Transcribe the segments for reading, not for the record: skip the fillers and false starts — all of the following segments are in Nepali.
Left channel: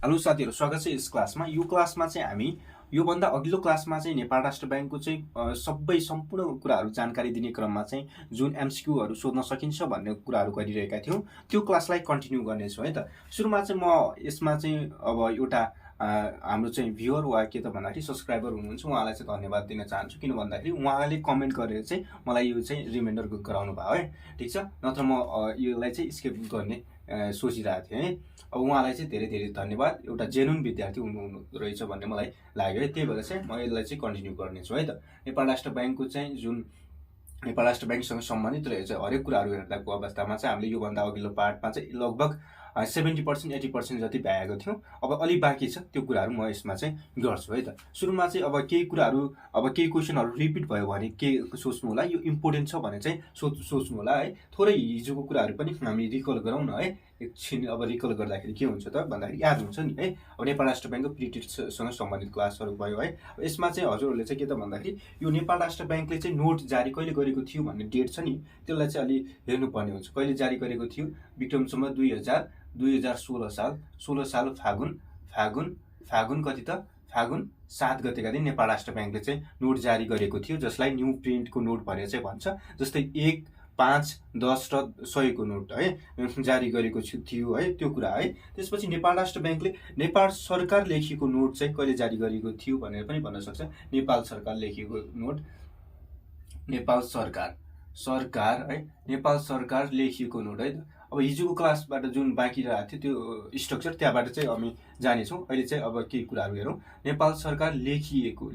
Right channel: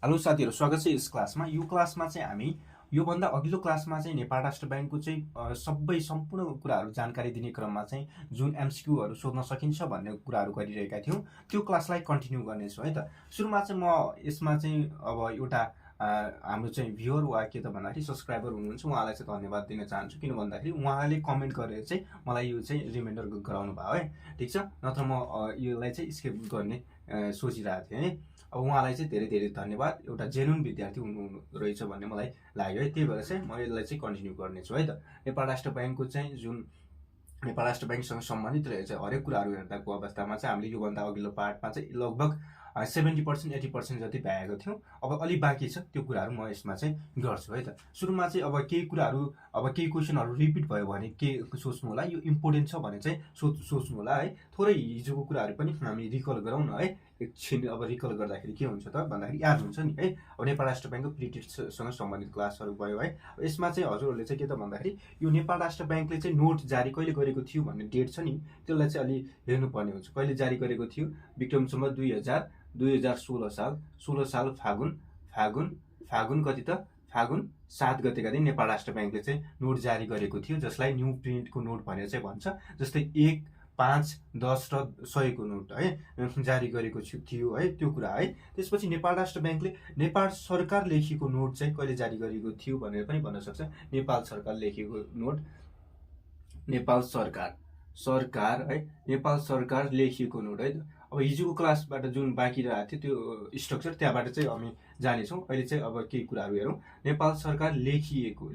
हेलो साथीहरू, स्वागत छ यस क्लासमा। यो क्लासमा चाहिँ हामी योभन्दा अघिल्लो क्लासमा चाहिँ नेपाल राष्ट्र ब्याङ्कको चाहिँ सबै सम्पूर्ण कुराहरू जानकारी दिने क्रममा चाहिँ जुन एमसिक्यूहरू सोध्न सकिन्छ भन्ने कुराहरू गरिरहेका थियौँ, त्यो क्लासलाई कन्टिन्यू गर्नेछौँ है त। सुरुमा चाहिँ म यसमा चाहिँ अब एउटा हाम्रो चाहिँ भ्युअर वा के त भन्दाखेरि सब्सक्राइबर हुनुहुन्छ, उहाँलाई चाहिँ धन्यवाद दिन चाहन्छु। किन भन्दाखेरि उहाँले कमेन्ट गरेर चाहिँ मलाई यो चाहिँ रिमाइन्डर गराउनु भयो है, ठिक छ। नत्र म यसलाई चाहिँ स्किप गर्ने सोचिरहेको थिएँ है। अब उहाँलाई चाहिँ धेरै धेरै धन्यवाद, एउटा जेन्युन विद्यार्थी हुनु रहेछ भन्ने मलाई लाग्यो है। त्यही भएर चाहिँ म यसलाई चाहिँ कन्टिन्यू गर्नेछु है त। नेपाल राष्ट्र ब्याङ्कको चाहिँ जुन नेपाल राष्ट्र ब्याङ्कसँग सम्बन्धित रहेछ हरेक कुराहरू हेर्दाको अवस्थामा चाहिँ हामीले योभन्दा अघिल्लो पार्टमा चाहिँ लगभग 70% 80% जति भ्याएको थियौँ। अब अलिक बाँकी छ, त्यो कुराहरू म यसमा चाहिँ गर्छु है त। सुरुमा चाहिँ अब केही कुराहरू, अब केही क्वेसनहरू रिपिट भयो भने के सोच्नु होला, यो इम्पोर्टेन्ट छ भने चाहिँ सोच्नु होला है। थोरै हिजोको कुराहरू पनि हामी रिकल गरौँ न है। एकछिन अब रिकल गर्दाखेरि के हुन्छ त भन्दाखेरि याद हुन्छ नि है। अब नेपाल राष्ट्र ब्याङ्कको पिरियडसँग सम्बन्धित क्लासहरू भयो है। यसमा चाहिँ हजुरहरूले चाहिँ के त भन्दाखेरि यो नेपाल राष्ट्र ब्याङ्कले चाहिँ नोट जारी कहिले गरेको थियो भन्ने डेट छ नि, त्यसलाई चाहिँ अलि हेर्नुपर्ने हुन्छ। कहिले जारी गरेको थियो? विक्रम सम्वत 2016 साल 16 साल फागुन कति त फागुन 7 गतेका दिन नेपाल राष्ट्र ब्याङ्कले चाहिँ नोट जारी गरेको थियो, जसलाई न्यू प्रिन्टको नोट भनेर चाहिँ भन्छ। जस्तै 1, 5, 10 र 100 को नोट है जारी गरेको थियो है, त्यो कुरा है। त्यसपछि नेपाल राष्ट्र ब्याङ्कले नेपाल सरकार लेखिएको नोट चाहिँ कहिले जारी गरेको थियो भनेर पनि भन्न सक्छ। नेपाल सरकार लेखिएको नोट, नेपाल सरकार है, नेपाल सरकार लेखिएको नोट है। अब हिजोको क्लासबाट जुन बाँकी रहेको थियो त्यो स्ट्रक्चर, त्यहाँबाट चाहिँ हामी जानेछौँ। अहिले चाहिँ अब केही कुराहरू हेरौँ। नेपाल सरकार लेखिएको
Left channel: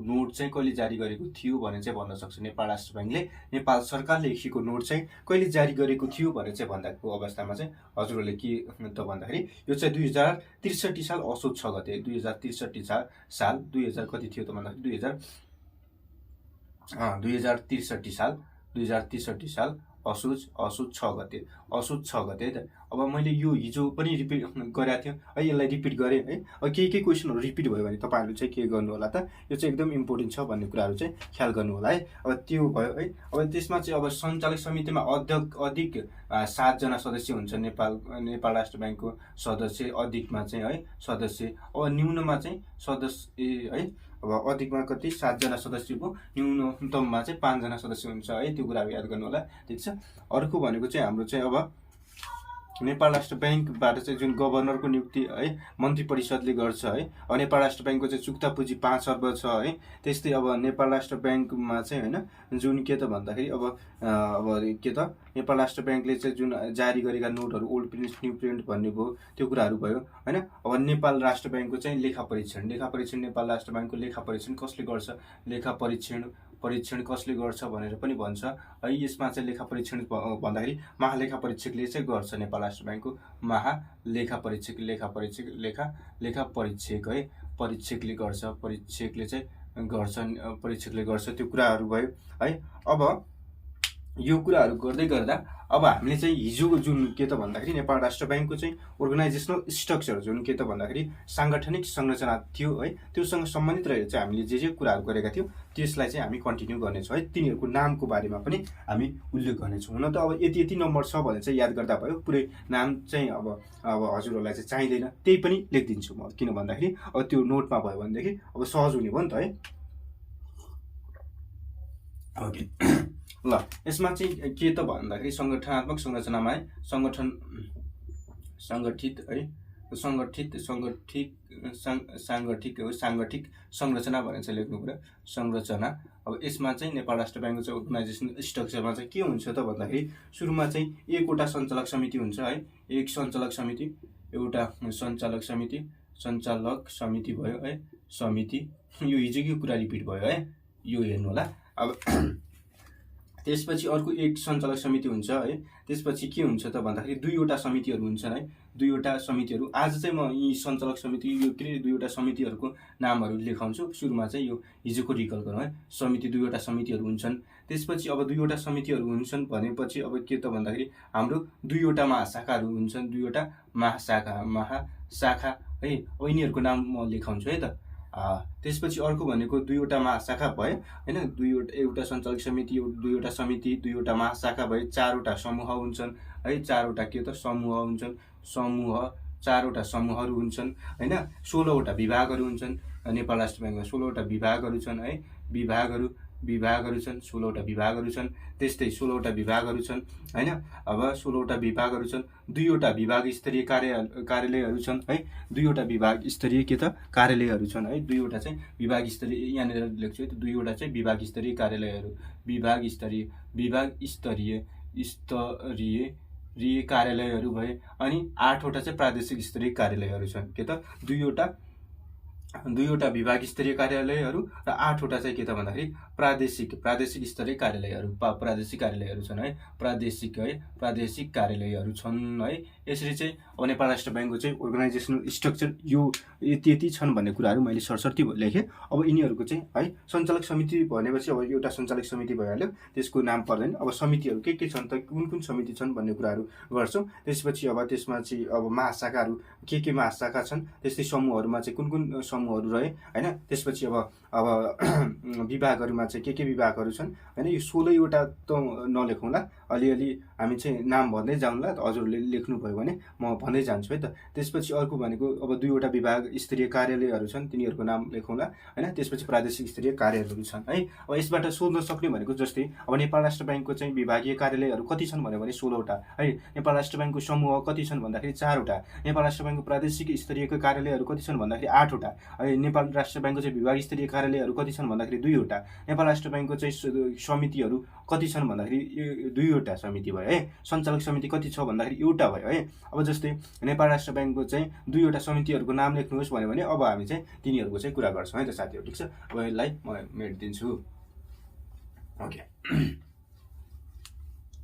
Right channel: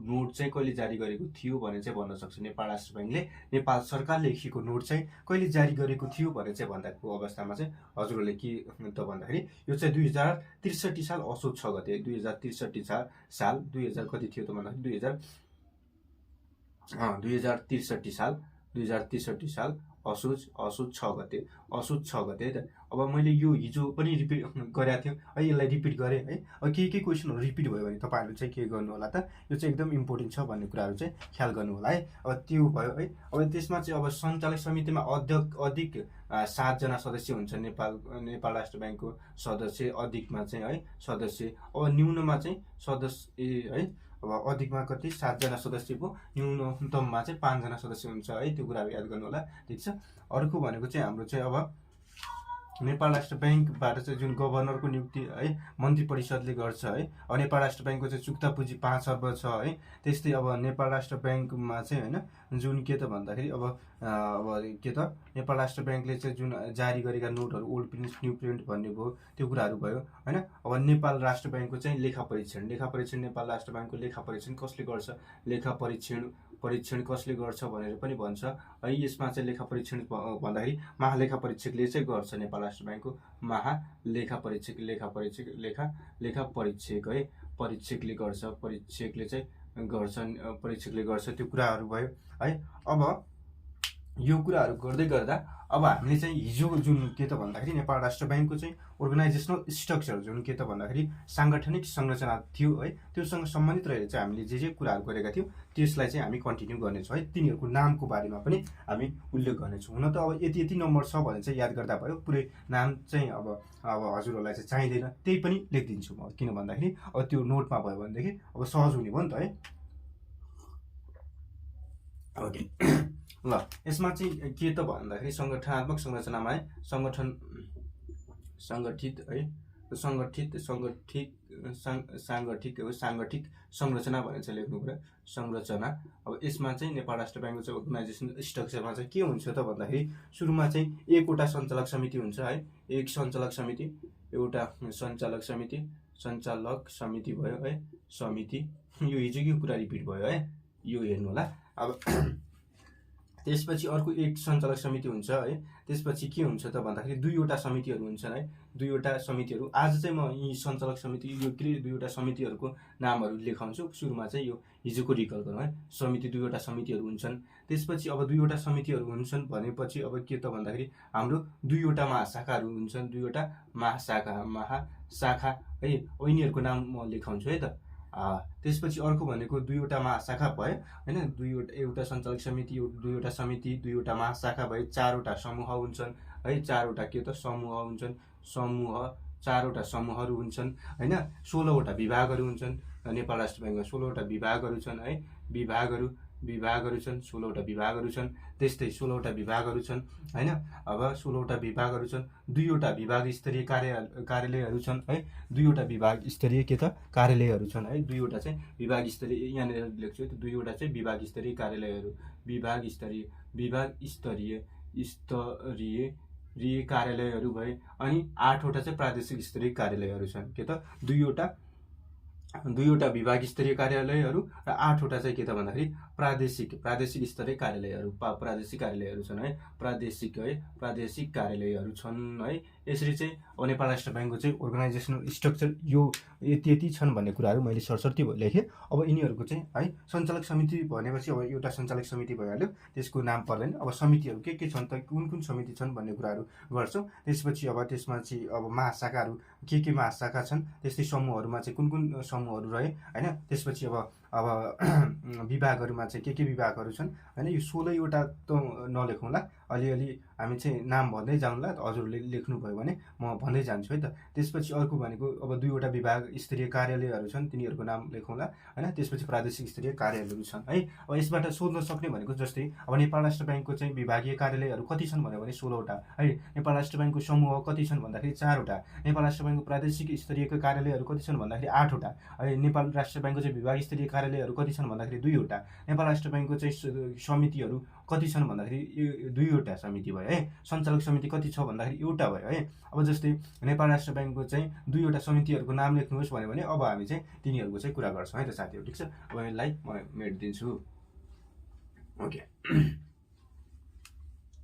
नोट चाहिँ कहिले जारी गरेको थियो भने चाहिँ भन्न सक्छ नेपाल राष्ट्र ब्याङ्कले नेपाल सरकार लेखिएको नोट चाहिँ कहिले जारी गरेको थियो भनेर चाहिँ भन्दाको अवस्थामा चाहिँ हजुरहरूले के त भन्दाखेरि यो चाहिँ 2063 साल असोज 6 गते 2063 साल 2000 कति थियो त भन्दाखेरि 2063 साल असोज 6 गते है त। अब मैले यो हिजो पनि रिपिट गरेको थिएँ है, यसलाई रिपिट गरेँ है। अब केही क्वेसनहरू रिपिट भयो भने तपाईँहरूले चाहिँ के गर्नु होला त, यो चाहिँ एकदम इम्पोर्टेन्ट छ भन्ने कुराहरू चाहिँ ख्याल गर्नु होला है। अब त्यो भयो है। अब त्यसमा चाहिँ अब सञ्चालक समितिमा अधिक 7 जना सदस्य हुन्छ। नेपाल राष्ट्र ब्याङ्कको सदस्य, अधिकमा चाहिँ है सदस्य, अब न्यूनमा चाहिँ सदस्य है। अब अधिकमा कति 7 जना सदस्य भयो, न्यूनतममा चाहिँ 5 जना सदस्य हुन्छ है। त्यो कुराहरू याद गर्नु होला, ठिक छ। अर्को भनेको चाहिँ हाम्रो चाहिँ अब नेपाल राष्ट्र ब्याङ्कबाट चाहिँ जुन गभर्नरको नियुक्ति है मन्त्री परिषदले गर्छ है। अब नेपाल राष्ट्र ब्याङ्कको चाहिँ चुक्ता पुँजी 5 अर्ब छ है। त्यस्तै अब नेपाल राष्ट्र ब्याङ्कमा चाहिँ होइन जुन के त भन्दाखेरि अब के त नेपाल राष्ट्र ब्याङ्कले चाहिँ जुन जारी गरेका नोटहरू ओल्ड प्रिन्ट न्यू प्रिन्ट भन्ने भयो, त्यो कुराहरू भयो होइन। अब नेपाल राष्ट्र ब्याङ्कको चाहिँ लेखा परीक्षण नेपाल राष्ट्र ब्याङ्कको लेखा परीक्षण कसले गर्छ, लेखा परीक्षण कसले गर्छ भनेर पनि भन्छ है। यसमा चाहिँ लेखा परीक्षण भन्दाखेरि महालेखा परीक्षकले चाहिँ गर्छ। नेपाल राष्ट्र ब्याङ्कको महालेखा परीक्षक लेखा परीक्षक है, परीक्षकले गर्छ त्यो कुराहरू भयो है। अब यो कुराहरू गर्दै गर्दा अब हामीले चाहिँ हिजो जुन के त भन्दाखेरि नेपाल राष्ट्र ब्याङ्कको चाहिँ अर्गनाइजेसनल स्ट्रक्चर जुन के त भन्दाखेरि साङ्गठनिक संरचना थियो है, त्योसँग सम्बन्धित रहेर चाहिँ हामीले जे कुराहरू गरेका थियौँ त्यसलाई चाहिँ हामी कन्टिन्यू गर्नेछौँ है। तिनीहरूको नामको बारेमा पनि हामी उल्लेख गर्नेछौँ। हुन त अब यति नम्बर छ भने चाहिँ याद गर्दा भयो, पुरै नाम चाहिँ अब हजुरहरूलाई चाहिँ चाहिँदैन, त्यही पनि लेखिदिन्छु म। किन भन्दाखेरि अब त्यो नोटमा भयो भनेदेखि अब सहज हुने भयो नि त है। ओके ल, यसमा चाहिँ के त भन्दाखेरि सङ्गठनात्मक संरचनामा है साङ्गठिक संरचना भनेर चाहिँ लेख्नु पर्यो, संरचना। अब यसमा चाहिँ नेपाल राष्ट्र ब्याङ्कको चाहिँ अर्गनाइजेसन स्ट्रक्चरमा चाहिँ के हुन्छ त भन्दाखेरि सुरुमा चाहिँ एकवटा सञ्चालक समिति हुन्छ है। एक सञ्चालक समिति भयो है, समिति। यो हिजोको कुरा रिपिट भयो है, यो हेर्नु होला। अब त्यसपछि अर्को एक सञ्चालक समिति हुन्छ है। त्यसपछि के हुन्छ त भन्दाखेरि दुईवटा समितिहरू हुन्छन् है, दुईवटा समितिहरू। आज चाहिँ म यी सञ्चालक समिति यो के दुईवटा समितिहरूको नामहरू लेखाउँछु। सुरुमा चाहिँ यो हिजोको रिकल गरौँ है। दुईवटा समितिहरू हुन्छन्। त्यसपछि अब दुईवटा समितिहरू हुन्छन् भनेपछि अब के त भन्दाखेरि हाम्रो दुईवटा महाशाखाहरू हुन्छन्, दुईवटा महाशाखा है। अब यिनीहरूको नाम म लेखाउँछु है त। त्यसपछि अर्को भनेको दुईवटा महाशाखा भयो हैन, एउटा सञ्चालक समिति, दुईवटा समिति, दुईवटा महाशाखा भए 4वटा समूह हुन्छन् है। 4वटा के त समूह हुन्छन्, समूह 4वटा समूहहरू हुन्छन् हैन, 16वटा विभागहरू हुन्छन्। नेपाल राष्ट्र ब्याङ्कमा 16वटा विभागहरू छन् है, विभागहरू छन्, 16वटा विभागहरू छन्। त्यस्तै 16वटा विभागहरू छन् हैन। अब 16वटा विभागहरू छन्, 2वटा विभाग स्तरीय कार्यालयहरू छन् है, 2वटा विभाग स्तरीय के त कार्यालयहरू छन् है। 2वटा चाहिँ विभाग स्तरीय, यहाँनिर लेख्छु है, 2वटा चाहिँ विभाग स्तरीय कार्यालयहरू, विभाग स्तरीय कार्यालयहरू भए। अनि 8वटा चाहिँ प्रादेशिक स्तरीय कार्यालयहरू छन् के त, 2वटा विभाग स्तरीय कार्यालयहरू र 8वटा चाहिँ के त भन्दाखेरि प्रादेशिक स्तरीय कार्यालयहरू, प्रादेशिक कार्यालयहरू छन् है, प्रादेशिक कार्यालयहरू छन् है। यसरी चाहिँ अब नेपाल राष्ट्र ब्याङ्कको चाहिँ अर्गनाइजेसनल स्ट्रक्चर यो यति छन् भन्ने कुराहरू मैले सरसर्ती लेखेँ। अब यिनीहरूको चाहिँ है सञ्चालक समिति भनेपछि अब एउटा सञ्चालक समिति भइहाल्यो, त्यसको नाम पर्दैन। अब समितिहरू के छन् त, कुन समिति छन् भन्ने कुराहरू गर्छौँ। त्यसपछि अब त्यसमा चाहिँ अब महाशाखाहरू के महाशाखा छन्, त्यस्तै समूहहरूमा चाहिँ कुन समूहहरू रहे हैन। त्यसपछि अब विभागहरूमा चाहिँ के विभागहरू छन् हैन। यो 16वटा त नलेखौँला, अलिअलि हामी चाहिँ नाम भन्दै जाउँला। हजुरले लेख्नुभयो भने म भन्दै जान्छु है त। त्यसपछि अर्को भनेको अब 2वटा विभाग स्तरीय कार्यालयहरू छन्, तिनीहरूको नाम लेखौँला हैन। त्यसपछि प्रादेशिक स्तरीय कार्यालयहरू छन् है। अब यसबाट सोध्न सक्ने भनेको जस्तै अब नेपाल राष्ट्र ब्याङ्कको चाहिँ विभागीय कार्यालयहरू कति छन् भने 16वटा है। नेपाल राष्ट्र ब्याङ्कको समूह कति छन् भन्दाखेरि 4वटा। नेपाल राष्ट्र ब्याङ्कको प्रादेशिक स्तरीयको कार्यालयहरू कति छन् भन्दाखेरि 8वटा है। नेपाल राष्ट्र ब्याङ्कको चाहिँ विभाग स्तरीय कार्यालयहरू कति छन् भन्दाखेरि 2वटा। नेपाल राष्ट्र ब्याङ्कको चाहिँ समितिहरू कति छन् भन्दाखेरि 2वटा समिति भयो है। सञ्चालक समिति कति छ भन्दाखेरि एउटा भयो है। अब जस्तै नेपाल राष्ट्र ब्याङ्कको चाहिँ 2वटा समितिहरूको नाम लेख्नुहोस् भन्यो भने अब हामी चाहिँ तिनीहरूको चाहिँ कुरा गर्छौँ है त साथीहरू, ठिक छ। अब यसलाई म मेटिदिन्छु। ओके,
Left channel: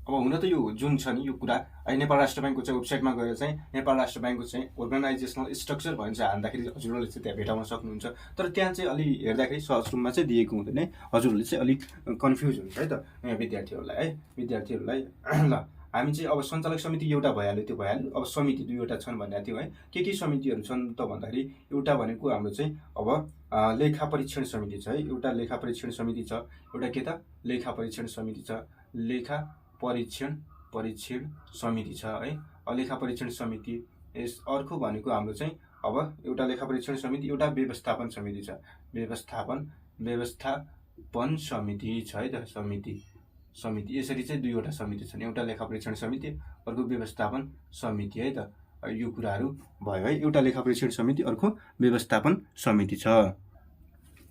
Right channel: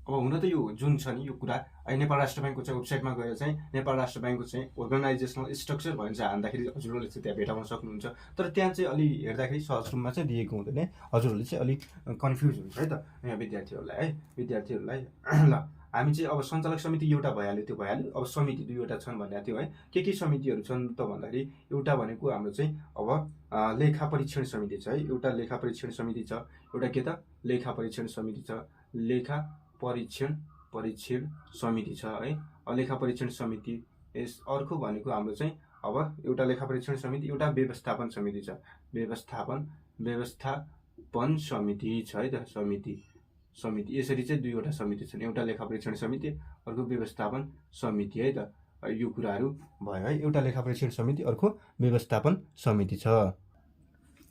अब हुन त यो जुन छ नि यो कुरा है, नेपाल राष्ट्र ब्याङ्कको चाहिँ वेबसाइटमा गएर चाहिँ नेपाल राष्ट्र ब्याङ्कको चाहिँ अर्गनाइजेसनल स्ट्रक्चर भन्छ हान्दाखेरि हजुरहरूले चाहिँ त्यहाँ भेटाउन सक्नुहुन्छ। तर त्यहाँ चाहिँ अलि हेर्दाखेरि सहज रूपमा चाहिँ दिएको हुँदैन है, हजुरहरूले चाहिँ अलिक कन्फ्युज हुन्छ है त यहाँ विद्यार्थीहरूलाई ल हामी चाहिँ अब सञ्चालक समिति एउटा भइहाल्यो, त्यो भइहाल्यो। अब समिति 2वटा छन् भनेको थियो है। के समितिहरू छन् त भन्दाखेरि एउटा भनेको हाम्रो चाहिँ अब लेखा परीक्षण समिति छ है, एउटा लेखा परीक्षण समिति छ, एउटा के त लेखा परीक्षण समिति छ, लेखा परीक्षण समिति छ है। लेखा परीक्षण समिति। यस अर्को भनेको हाम्रो चाहिँ अब एउटा लेखा परीक्षण समिति, एउटा व्यवस्थापन समिति छ, व्यवस्थापन समिति छ है त, समिति। यसरी चाहिँ 2वटा समिति छन्, एउटा लेखा परीक्षण समिति, अर्को व्यवस्थापन समिति है त। यो कुराहरू भयो है, एउटा लेखा परीक्षण समिति, अर्को व्यवस्थापन समिति छ।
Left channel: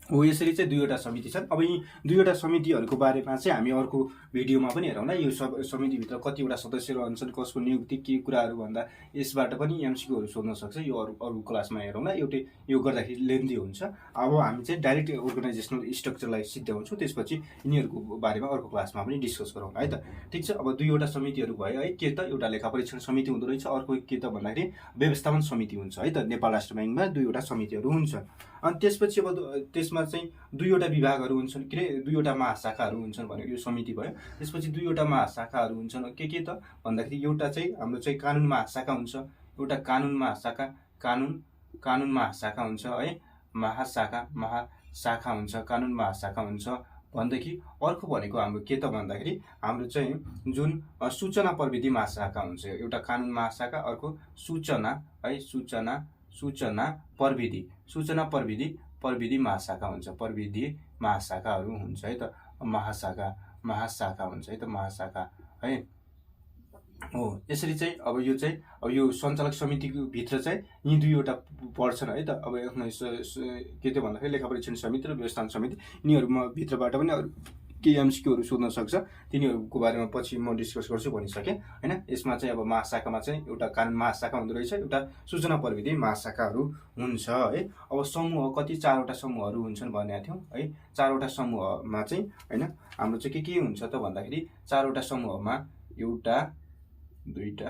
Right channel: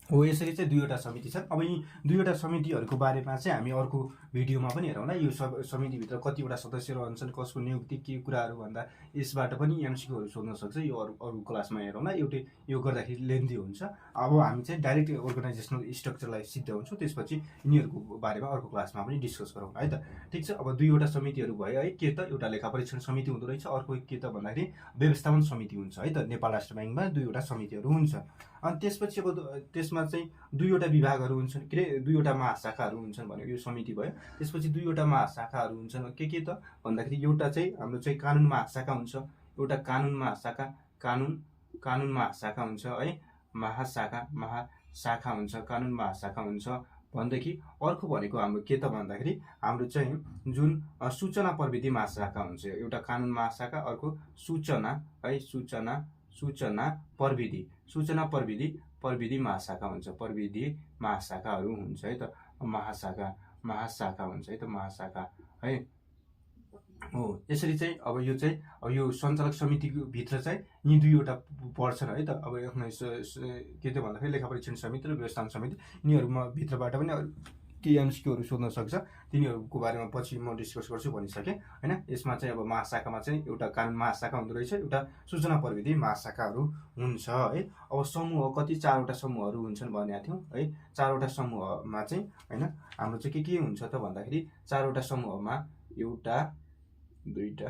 हो यसरी चाहिँ 2वटा समिति छन्। अब यी 2वटा समितिहरूको बारेमा चाहिँ हामी अर्को भिडियोमा पनि हेरौँला। यो समितिभित्र कतिवटा सदस्य रहन्छन्, कसको नियुक्ति, के कुराहरू भन्दा यसबाट पनि एमसिक्यूहरू सोध्न सक्छ। यो अरू क्लासमा हेरौँला, एउटै यो गर्दाखेरि लेन्थी हुन्छ। अब हामी चाहिँ डाइरेक्ट अर्गनाइजेसनल स्ट्रक्चरलाई सिद्ध्याउँछौँ, त्यसपछि यिनीहरूको बारेमा अर्को क्लासमा पनि डिस्कस गरौँ है त, ठिक छ। अब 2वटा समितिहरू भयो है, के त एउटा लेखा परीक्षण समिति हुँदो रहेछ, अर्को के त भन्दाखेरि व्यवस्थापन समिति हुन्छ है त। नेपाल राष्ट्र ब्याङ्कमा 2वटा समितिहरू हुन्छ। अनि त्यसपछि अब त्यसमा चाहिँ 2वटा विभागहरू हुन्छन्, के अरे 2वटा महाशाखाहरू हुन्छन् भनेको यो समिति भयो। त्यसपछि 2वटा महाशाखाहरू हुन्छन्, के त भन्दाखेरि एउटा चाहिँ हाम्रो चाहिँ कानुन महाशाखा हुन्छ, एउटा कानुन महाशाखा हुन्छ है, महाशाखा हुन्छ, कानुन महाशाखा हुन्छ भनेदेखि अर्को भनेको हाम्रो के त भन्दाखेरि हाम्रो चाहिँ जुन सूचना प्रविधि महाशाखा हुन्छ, एउटा कानुन महाशाखा, अर्को सूचना है, सूचना प्रविधि महाशाखा हुन्छ, प्रविधि महाशाखाहरू हुन्छ है त, महाशाखा हुन्छ है त, महाशाखा है। हो यसरी चाहिँ अब यो सञ्चालक समितिको भित्र चाहिँ यी 2वटा पर्छन् है त। अब के त भन्दाखेरि लेखा परीक्षण समिति र व्यवस्थापन समिति, यिनीहरूमा भित्रबाट पनि केही एमसिक्यूहरू सोध्न सक्छ, तिनीहरूको बारेमा पछि म डिस्कस गर्छु भनिसकेँ हैन। यसमा चाहिँ अब महाशाखामा चाहिँ एउटा कानुन महाशाखा हुँदो रहेछ, एउटा सूचना प्रविधि महाशाखाहरू हुन्छ है। अब समूह कति 4वटा समूहहरू हुन्छन् भनेको थियौँ है। 4वटा समूहमा चाहिँ हैन हाम्रो चाहिँ के हुन्छ त भन्दाखेरि 4वटा समूहमा एउटा 2वटा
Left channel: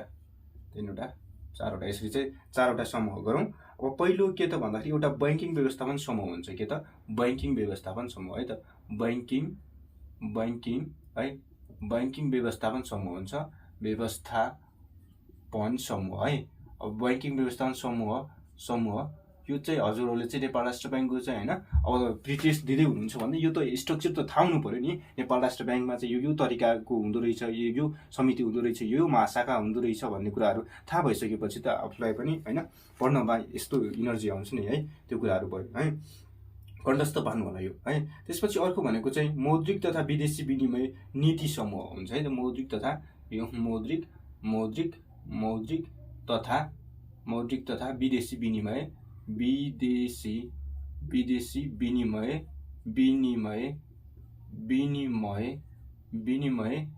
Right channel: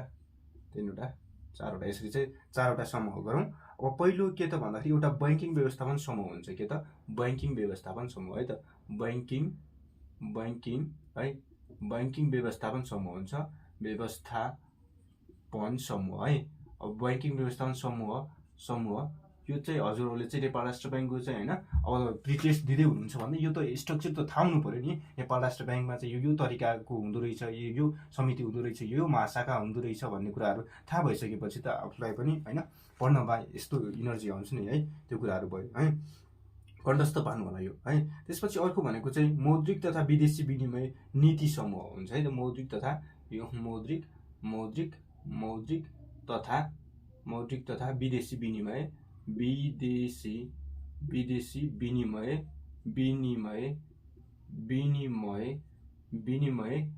3वटा 4वटा यसरी चाहिँ 4वटा समूह गरौँ। अब पहिलो के त भन्दाखेरि एउटा बैंकिङ व्यवस्थापन समूह हुन्छ, के त बैंकिङ व्यवस्थापन समूह है त, बैंकिङ व्यवस्थापन समूह हुन्छ, व्यवस्थापन समूह है। अब बैंकिङ व्यवस्थापन समूह यो चाहिँ हजुरहरूले चाहिँ नेपाल राष्ट्र ब्याङ्कको चाहिँ होइन अब प्रिटेस्ट दिँदै हुनुहुन्छ भने यो त स्ट्रक्चर त थाहा हुनु पऱ्यो नि। नेपाल राष्ट्र ब्याङ्कमा चाहिँ यो तरिकाको हुँदो रहेछ, यो समिति हुँदो रहेछ, यो महाशाखा हुँदो रहेछ भन्ने कुराहरू थाहा भइसकेपछि त आफूलाई पनि होइन पढ्नमा यस्तो इनर्जी आउँछ नि है, त्यो कुराहरू भयो है, कण्ठस्थ पार्नु होला यो है। त्यसपछि अर्को भनेको चाहिँ मौद्रिक तथा विदेशी विनिमय नीति समूह हुन्छ है। मौद्रिक तथा यो मौद्रिक तथा विदेशी विनिमय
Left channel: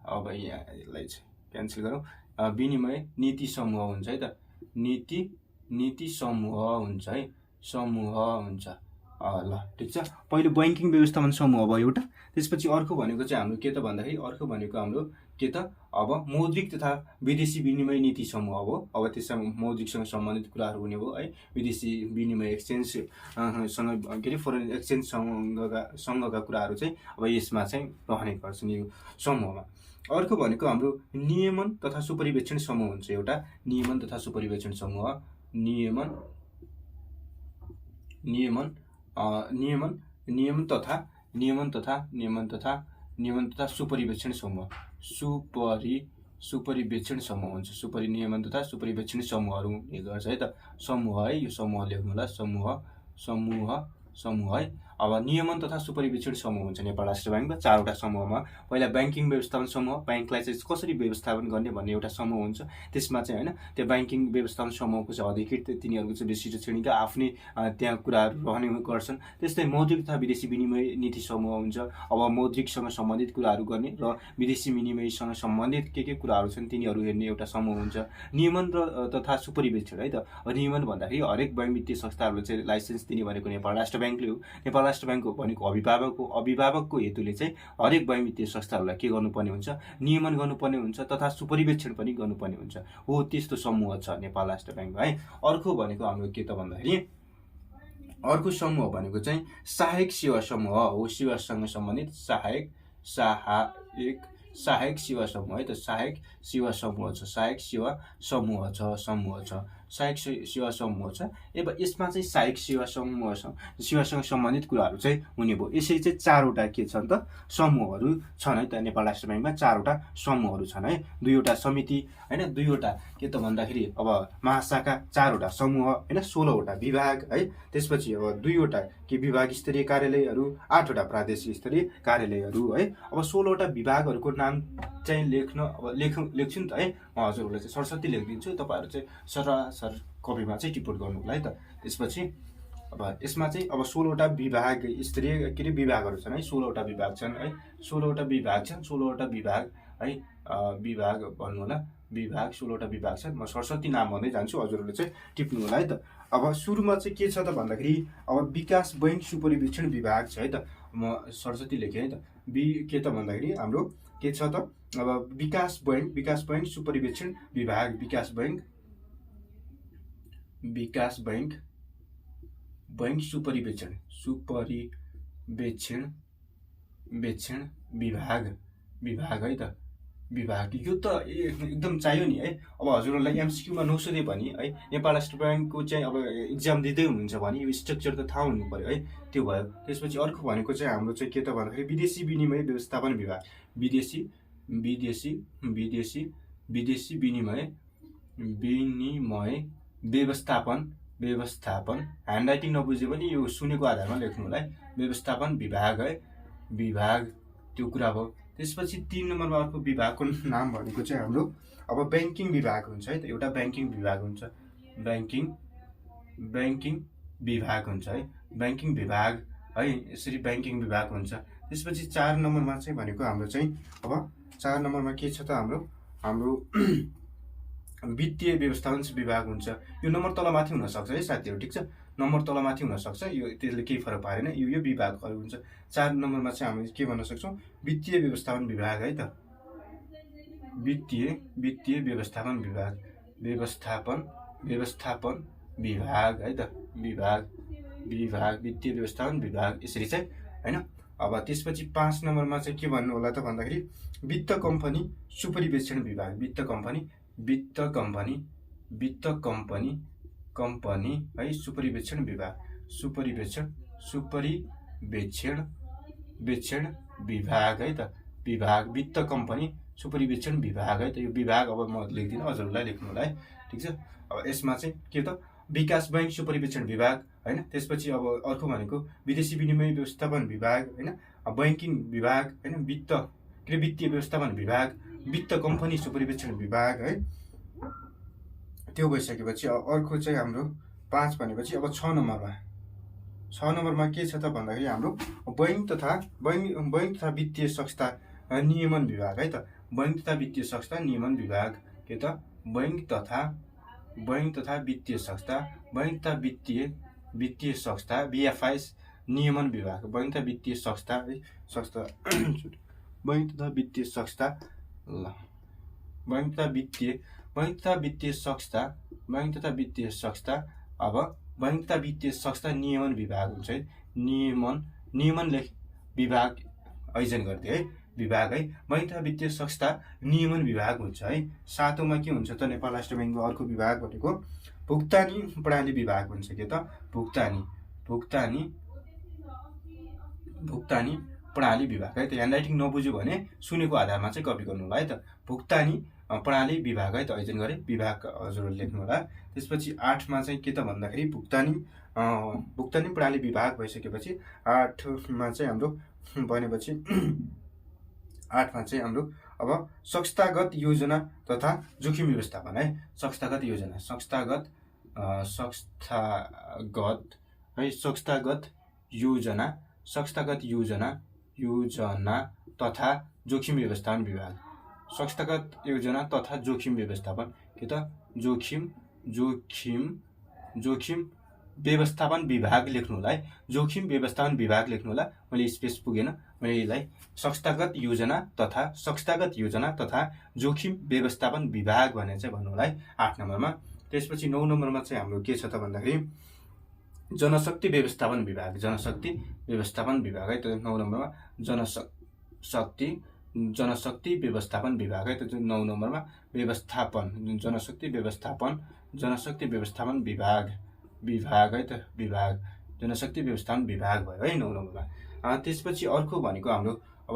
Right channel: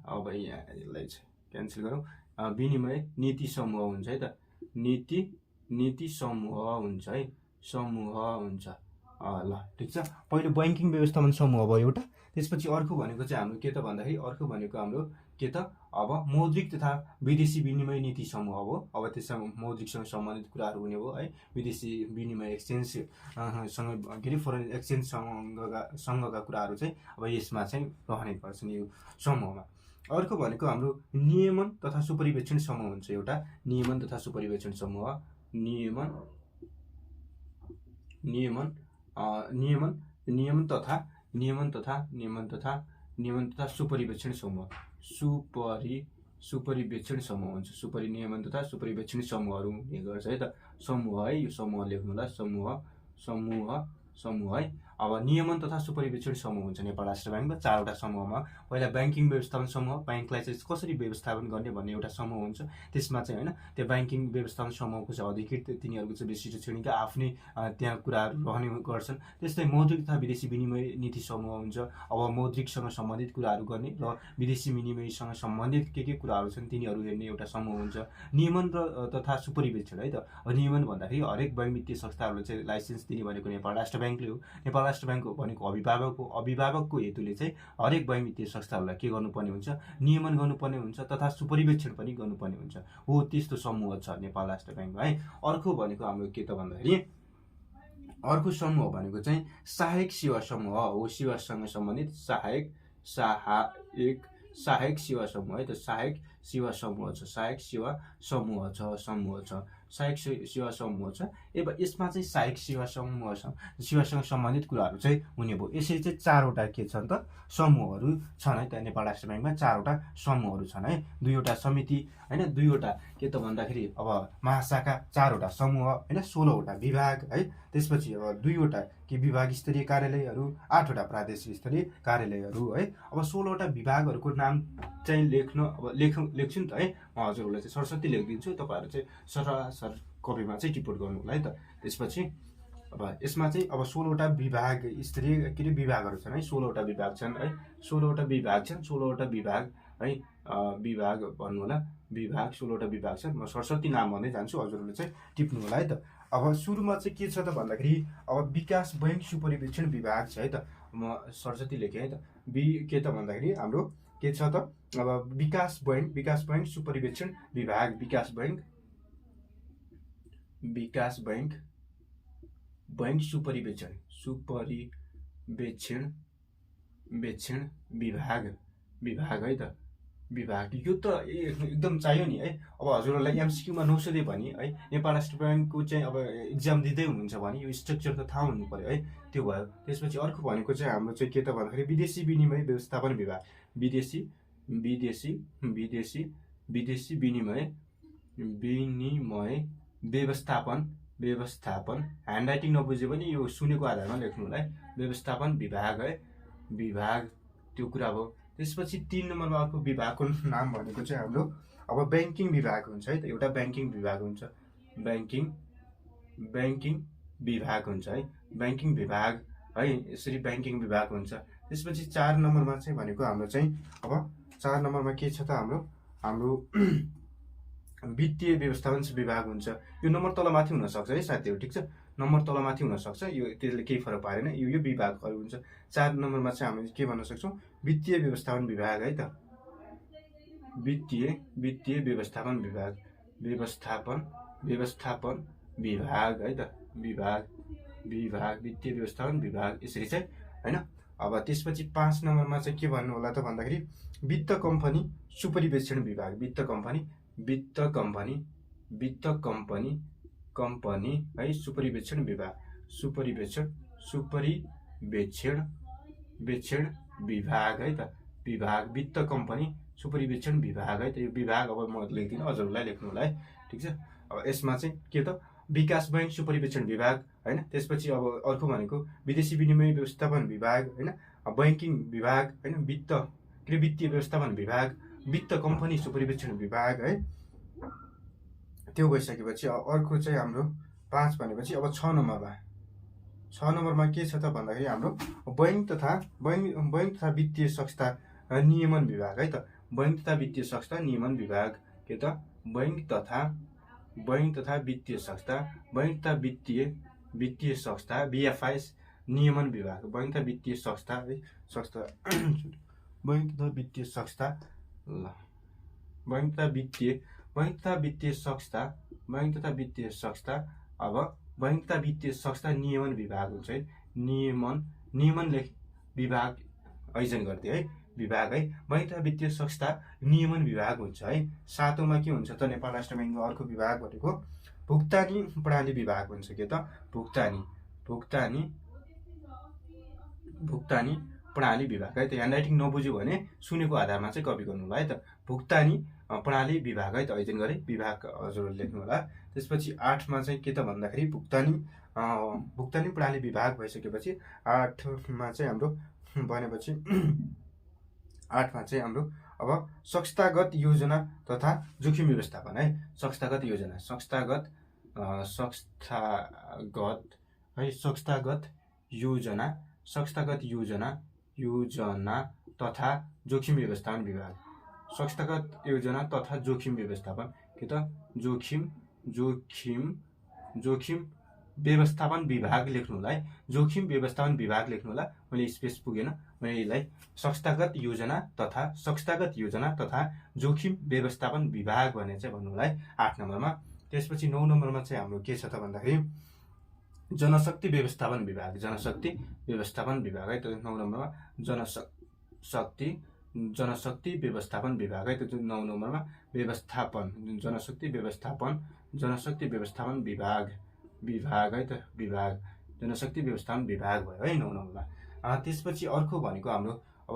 अब यसलाई क्यान्सल गरौँ, विनिमय नीति समूह हुन्छ है त, नीति समूह हुन्छ है, समूह हुन्छ। ल ठिक छ, पहिले बैंकिङ व्यवस्थापन समूह भयो एउटा। त्यसपछि अर्को भनेको चाहिँ हाम्रो के त भन्दाखेरि अर्को भनेको हाम्रो के त अब मौद्रिक तथा विदेशी विनिमय नीति समूह हो। अब त्यसमा मौद्रिकसँग सम्बन्धित कुराहरू हुने हो है, विदेशी विनिमय एक्सचेन्ज सँग के अरे फरेन एक्सचेन्ज सँगका कुराहरू चाहिँ अब यसमा चाहिँ रहने गर्छन् यो समूहमा। अर्को भनेको हाम्रो नियमन तथा सुपरिवेक्षण समूह हुन्छ एउटा, नियमन तथा सुपरिवेक्षण समूह, नियमन तथा सुपरिवेक्षण समूह, सुपरिवेक्षण समूह हुन्छ। नियमन तथा सुपरिवेक्षण समूहहरू हुने गर्छ है त, समूह है, यो समूह लेख्नुला, समूह है। अब नियमन तथा सुपरिवेक्षण समूह हुन्छ नेपाल राष्ट्र ब्याङ्कमा चारवटा समूहमा। पहिला ब्याङ्किङ व्यवस्थापन समूह, ब्याङ्कलाई चाहिँ कसरी व्यवस्थापन गर्ने भन्ने एउटा समूह हुन्छ। त्यसमा चाहिँ होइन त्यो ब्याङ्किङ व्यवस्थापन समूहको चाहिँ अधिकृत तिनीहरूको चाहिँ विशिष्ट श्रेणीका आफ्नै त्यहाँ कुराहरू रहने गर्छन्। त्यस्तै मौद्रिक तथा विदेशी विनिमय नीति समूह हुन्छ। अब मौद्रिकसँग सम्बन्धित कुराहरू गर्ने र विदेशी विनिमयसँग सम्बन्धित के कुराहरू छन् तिनीहरू हेर्ने एउटा समूह हुन्छ। नियमन तथा सुपरिवेक्षण है त, नियमन भन्दाखेरि हरेक बैंक वित्तीय संस्थाहरूले चाहिँ लाइसेन्स दिने भनेको नेपाल राष्ट्र ब्याङ्कले हो। नेपाल राष्ट्र ब्याङ्क भनेको अभिभावकको हेतुले चाहिँ हरेक बैंक वित्तीय संस्थाहरूलाई के गर्नुपर्ने हुन्छ, नियमन गर्नुपर्ने हुन्छ तथा सुपरिवेक्षण पनि गर्नुपर्ने हुन्छ। हो त्यस्तो समूह छ नेपाल राष्ट्र ब्याङ्कमा है। अर्को भनेको हाम्रो के त भन्दाखेरि अर्को समूह भनेको चाहिँ सहायक सेवा समूह हो, सेवासँग सम्बन्धित सहायक सेवा समूह है त, सहायक सेवा समूह छ, सहायक सेवा समूह छ। अब यसमा चाहिँ सहायक सेवासँग सम्बन्धित कुराहरू चाहिँ हुने भयो। यसरी चाहिँ चारवटा के छन् त समूहहरू छन् है त, नेपाल राष्ट्र ब्याङ्कमा चारवटा समूहहरू छन् है, दुईवटा समिति होइन, दुईवटा के त भन्दाखेरि अब महाशाखा, चारवटा समूह होइन, 16वटा विभाग है। त्यसपछि अब दुईवटा के विभाग स्तरीय कार्यालयहरू, 8वटा प्रादेशिक स्तरीय कार्यालयहरू है। अब 16वटा विभागहरूको नाम चाहिँ लेख्छु नि त है, म हजुरहरूलाई चाहिँ सरस्वती लेखिदिन्छु, तपाईँहरू चाहिँ सरासर कपीमा चाहिँ टिप्पण गर्नु होला है त। त्यसपछि अब यसमा चाहिँ अब 16वटा विभाग स्तरीय के अरे विभागहरू छन् है, 16वटा विभाग छन् है, 16वटा विभाग है, विभाग भन्नु होला, विभाग 16वटा विभाग छन्। म सरस्वती नाम भन्दै जान्छु, हजुरहरूले चाहिँ टिप्नु होला है त। अब सुरुमा चाहिँ के छ त भन्दाखेरि अब विकास बैंक सुपरिवेक्षण विभाग छ है त, म सरस्वती लेखेँ है त। के त भन्दाखेरि हाम्रो के छ त अब विकास बैंक सुपरिवेक्षण विभाग, विकास बैंक सुपरिवेक्षण विभाग है त, विभाग। यो त एकदम चाहियो नि है। अब हजुरहरूलाई एमसिक्यूमा नसोधे भने है, नेपाल राष्ट्र ब्याङ्कको चाहिँ अब इक्जाम दिँदै हुनुहुन्छ भने यो स्ट्रक्चर त थाहा हुनु पर्यो है, त्यो भयो। त्यसपछि अर्को भनेको चाहिँ हाम्रो चाहिँ के त भन्दाखेरि विदेशी विनिमय व्यवस्थापन विभाग, विदेशी विनिमय व्यवस्थापन, ह्यान्ड राइटिङ नबुझ्यो भने यो सुनेको आधारमा लेख्नु होला है, व्यवस्थापन विभाग है, विभाग त्यो कुरा भयो। त्यसपछि 3 नम्बरमा अर्को विभागको नाम भनेको चाहिँ हाम्रो अब ब्याङ्किङ विभाग हुन्छ है त, एउटा ब्याङ्किङ विभाग हुन्छ, ब्याङ्किङ विभाग हुन्छ है, ब्याङ्किङ विभाग है, यसरी ब्याङ्किङ विभाग हुन्छ। त्यसपछि 4 नम्बरमा चाहिँ भनेको हाम्रो चाहिँ अब 4 नम्बरमा के छ त हाम्रो वित्तीय व्यवस्थापन विभाग हुन्छ। यो नम्बर तलमाथि हुनसक्छ है साथीहरू, ठिक छ, नम्बर तलमाथि हुनसक्छ, यो त्यसले केही फरक पारेन, यो विभागहरू हुन्छ। 4 नम्बरमा चाहिँ हामी के भन्न सक्छौँ, वित्तीय व्यवस्थापन विभाग है त, वित्तीय व्यवस्थापन विभाग है त, विभाग वित्तीय व्यवस्थापन विभाग, यसरी चाहिँ होइन। अब त्यसपछि 5 नम्बरमा चाहिँ के भन्नु होला त भन्दाखेरि वित्त कम्पनी सुपरिवेक्षण विभाग, वित्त कम्पनी कम्पनी है सुपरिवेक्षण विभाग सुपरिवेक्षण विभाग है त विभाग वित्त कम्पनी सुपरिवेक्षण विभाग है त यो विभाग अब म लेख्दिनँ हजुरहरूलाई लेख्नु होला है ठीक छ। अब यसमा चाहिँ के त विकास बैंक सुपरिवेक्षण विभाग हैन त्यसपछि अब अर्को भनेको विदेशी विनिमय व्यवस्थापन विभाग हैन बैंकिङ विभाग हैन वित्तीय व्यवस्थापन विभाग वित्त कम्पनी सुपरिवेक्षण विभाग है त्यो भइसकेपछि अर्को चाहिँ हाम्रो 5 भनेपछि अब 6 नम्बरमा के छ त भन्दाखेरि हाम्रो बैंक तथा वित्तीय संस्था नियमन विभाग है त बैंक तथा वित्तीय संस्था नियमन विभाग के त बैंक तथा वित्तीय संस्था बीएफआईएस नियमन विभाग बैंक तथा वित्तीय संस्था बैंक तथा वित्तीय अब बैंक तथा वित्तीय संस्था नियमन विभाग हुन्छ है नियमन विभाग आयोजन गर्दै है विभाग है बैंक तथा वित्तीय संस्था नियमन विभाग हुन्छ है। 7औंमा के हुन्छ त नेपाल राष्ट्र बैंकको अर्को विभाग भनेको भुक्तानी प्रणाली विभाग हुन्छ के त भुक्तानी प्रणाली विभाग है त ह्यान्डराइटिङ नबुझ्यो भने सुनेको आधारमा चाहिँ कपी गर्नु होला है त भुक्तानी प्रणाली विभाग है त आयोजन गरे विभाग हजुरले लेख्नु होला। त्यसपछि 8मा चाहिँ के त भन्दाखेरि भुक्तानी प्रणाली विभाग भइसकेपछि 8मा चाहिँ हाम्रो भनेपछि 8मा चाहिँ हाम्रो अब संस्थागत योजना तथा जोखिम व्यवस्थापन है संस्थागत योजना तथा जोखिम व्यवस्थापन विभाग संस्थागत योजना तथा जोखिम व्यवस्थापन के त जोखिम व्यवस्थापन विभाग लेख्नु होला है जोखिम व्यवस्थापन विभाग लेख्नु होला। मैले स्पेस पुगेन मैले यसलाई संस्थागत योजना तथा जोखिम व्यवस्थापन विभाग भनेर चाहिँ भन्नु होला है 8 नम्बरमा। त्यसपछि 9 नम्बरमा चाहिँ हाम्रो के छ त भन्दाखेरि जनशक्ति व्यवस्थापन विभाग है त 9 नम्बरमा जनशक्ति व्यवस्थापन विभाग है त 9 नम्बरमा जनशक्ति व्यवस्थापन विभाग है त जनशक्ति व्यवस्थापन विभाग भयो है 9 नम्बरमा। त्यसपछि अर्को भनेको हाम्रो अब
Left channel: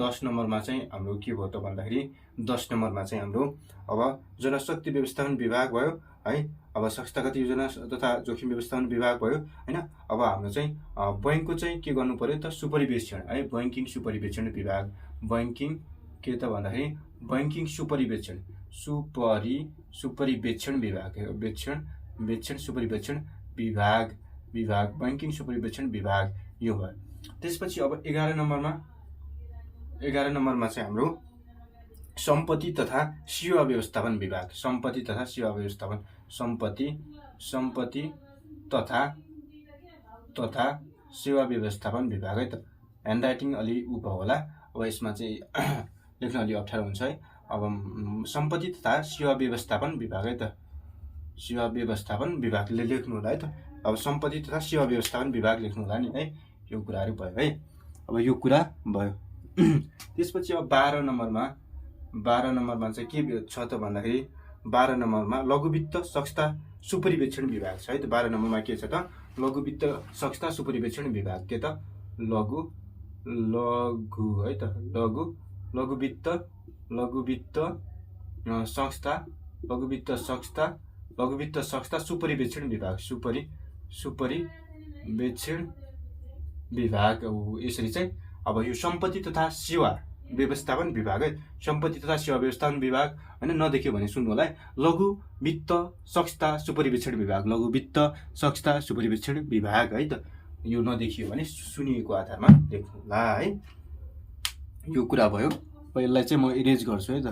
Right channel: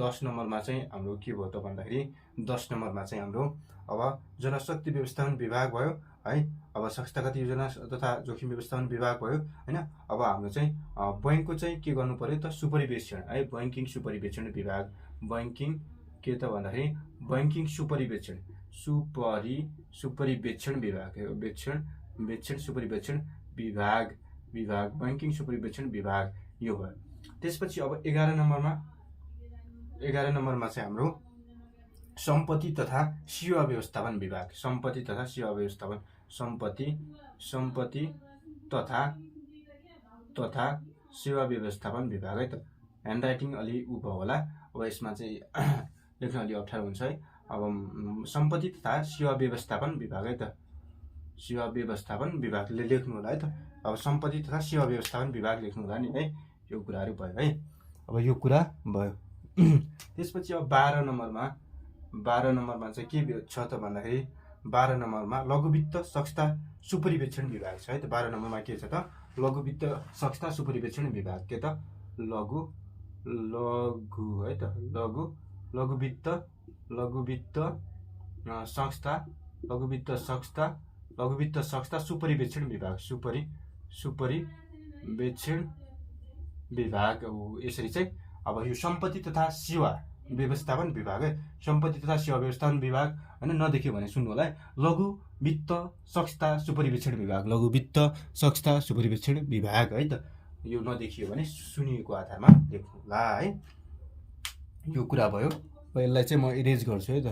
10 नम्बरमा चाहिँ हाम्रो के भयो त भन्दाखेरि 10 नम्बरमा चाहिँ हाम्रो अब जनशक्ति व्यवस्थापन विभाग भयो है अब संस्थागत योजना तथा जोखिम व्यवस्थापन विभाग भयो हैन। अब हाम्रो चाहिँ बैंकको चाहिँ के गर्नु पर्यो त सुपरिवेक्षण है बैंकिङ सुपरिवेक्षण विभाग बैंकिङ के त भन्दाखेरि बैंकिङ सुपरिवेक्षण विभाग बैंकिङ सुपरिवेक्षण विभाग यो भयो। त्यसपछि अब 11 नम्बरमा चाहिँ हाम्रो सम्पत्ति तथा सेवा व्यवस्थापन विभाग सम्पत्ति तथा सेवा व्यवस्थापन विभाग है त ह्यान्डराइटिङ अलि उ भयो होला अब यसमा चाहिँ लेख्न अलि अप्ठ्यारो हुन्छ है। अब सम्पत्ति तथा सेवा व्यवस्थापन विभाग है त सेवा व्यवस्थापन विभागले लेख्नु होला है त अब सम्पत्ति तथा सेवा व्यवस्थापन विभाग लेख्नु होला नि है यो कुराहरु भयो है। अब यो कुरा भयो। त्यसपछि अब 12 नम्बरमा चाहिँ के छ त भन्दाखेरि 12 नम्बरमा लघु वित्त संस्था सुपरिवेक्षण विभाग छ है त 12 नम्बरमा के छ त लघु वित्त संस्था सुपरिवेक्षण विभाग के त लघु है त लघु वित्त संस्था सुपरिवेक्षण विभाग सुपरिवेक्षण विभाग यसरी चाहिँ अब यो सम्पत्ति तथा सेवा व्यवस्थापन विभाग है सम्पत्ति तथा सेवा व्यवस्थापन विभाग हैन नदेखियो भने सुन्नु होला है लघु वित्त संस्था सुपरिवेक्षण विभाग लघु वित्त संस्था सुपरिवेक्षण विभाग है त यो नदेखियो भने सुनिएको आधारमा लेख्नु होला है यो कुरा भयो। यसलाई चाहिँ म इरेज गर्छु है त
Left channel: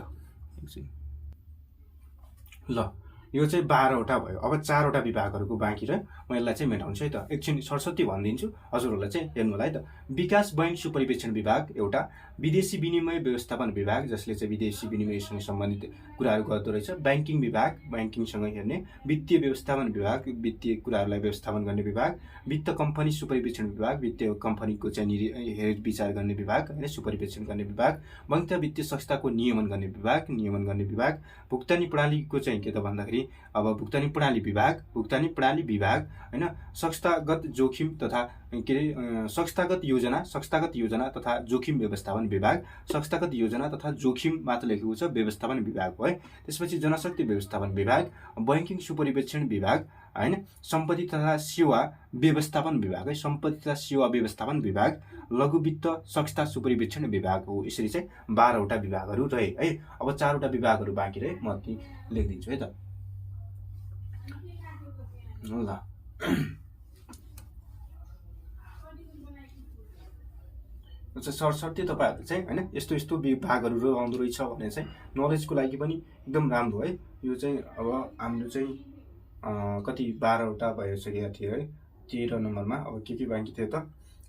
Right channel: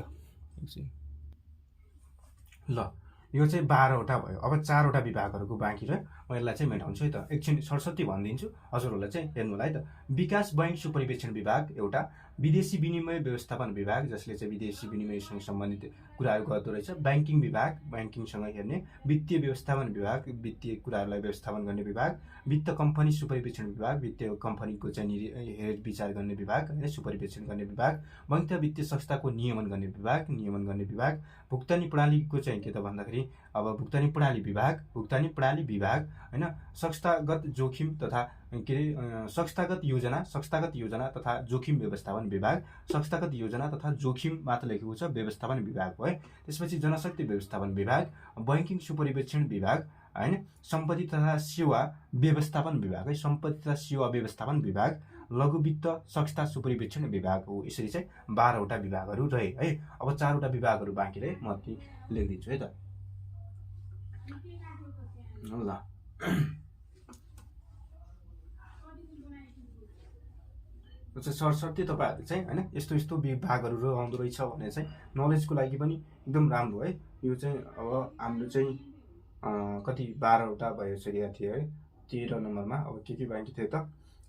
ल यो चाहिँ 12 वटा भयो। अब 4 वटा विभागहरुको बाँकी र म यसलाई चाहिँ मेटाउँछु है त एकछिन सरस्वती भनिदिन्छु हजुरहरुलाई चाहिँ हेर्नु होला है त विकास बैंक सुपरिवेक्षण विभाग एउटा विदेशी विनिमय व्यवस्थापन विभाग जसले चाहिँ विदेशी विनिमयसँग सम्बन्धित कुराहरू गर्दो रहेछ। ब्याङ्किङ विभाग ब्याङ्किङसँग हेर्ने, वित्तीय व्यवस्थापन विभाग वित्तीय कुराहरूलाई व्यवस्थापन गर्ने विभाग, वित्त कम्पनी सुपरिवेक्षण विभाग वित्तीय कम्पनीको चाहिँ हेरविचार गर्ने विभाग होइन, सुपरिवेक्षण गर्ने विभाग, बैंक वित्तीय संस्थाको नियमन गर्ने विभाग, भुक्तानी प्रणालीको चाहिँ के त भन्दाखेरि अब भुक्तानी प्रणाली विभाग होइन, संस्थागत जोखिम तथा के अरे संस्थागत योजना तथा जोखिम व्यवस्थापन विभाग, संस्थागत योजना तथा जोखिम मात्र लेखेको छ व्यवस्थापन विभाग है। त्यसपछि जनशक्ति व्यवस्थापन विभाग, बैंकिङ सुपरिवेक्षण विभाग हैन, सम्पत्ति तथा सेवा व्यवस्थापन विभाग है, सम्पत्ति तथा सेवा व्यवस्थापन विभाग, लघु वित्त संस्था सुपरिवेक्षण विभाग हो। यसरी चाहिँ 12 वटा विभागहरू रहे है। अब 4 वटा विभागहरू बाँकी रहे, म लेखिदिन्छु है त ल। सरसर्ती तपाईहरु चाहिँ हैन यस्तो यस्तो विभागहरू रहँदो रहेछ भने चाहिँ नलेजको लागि पनि एकदम राम्रो है। यो चाहिँ अब हाम्रो चाहिँ कति 12 वटा भइसकेको थियो है। 13 नम्बरमा अब के बाँकी थियो त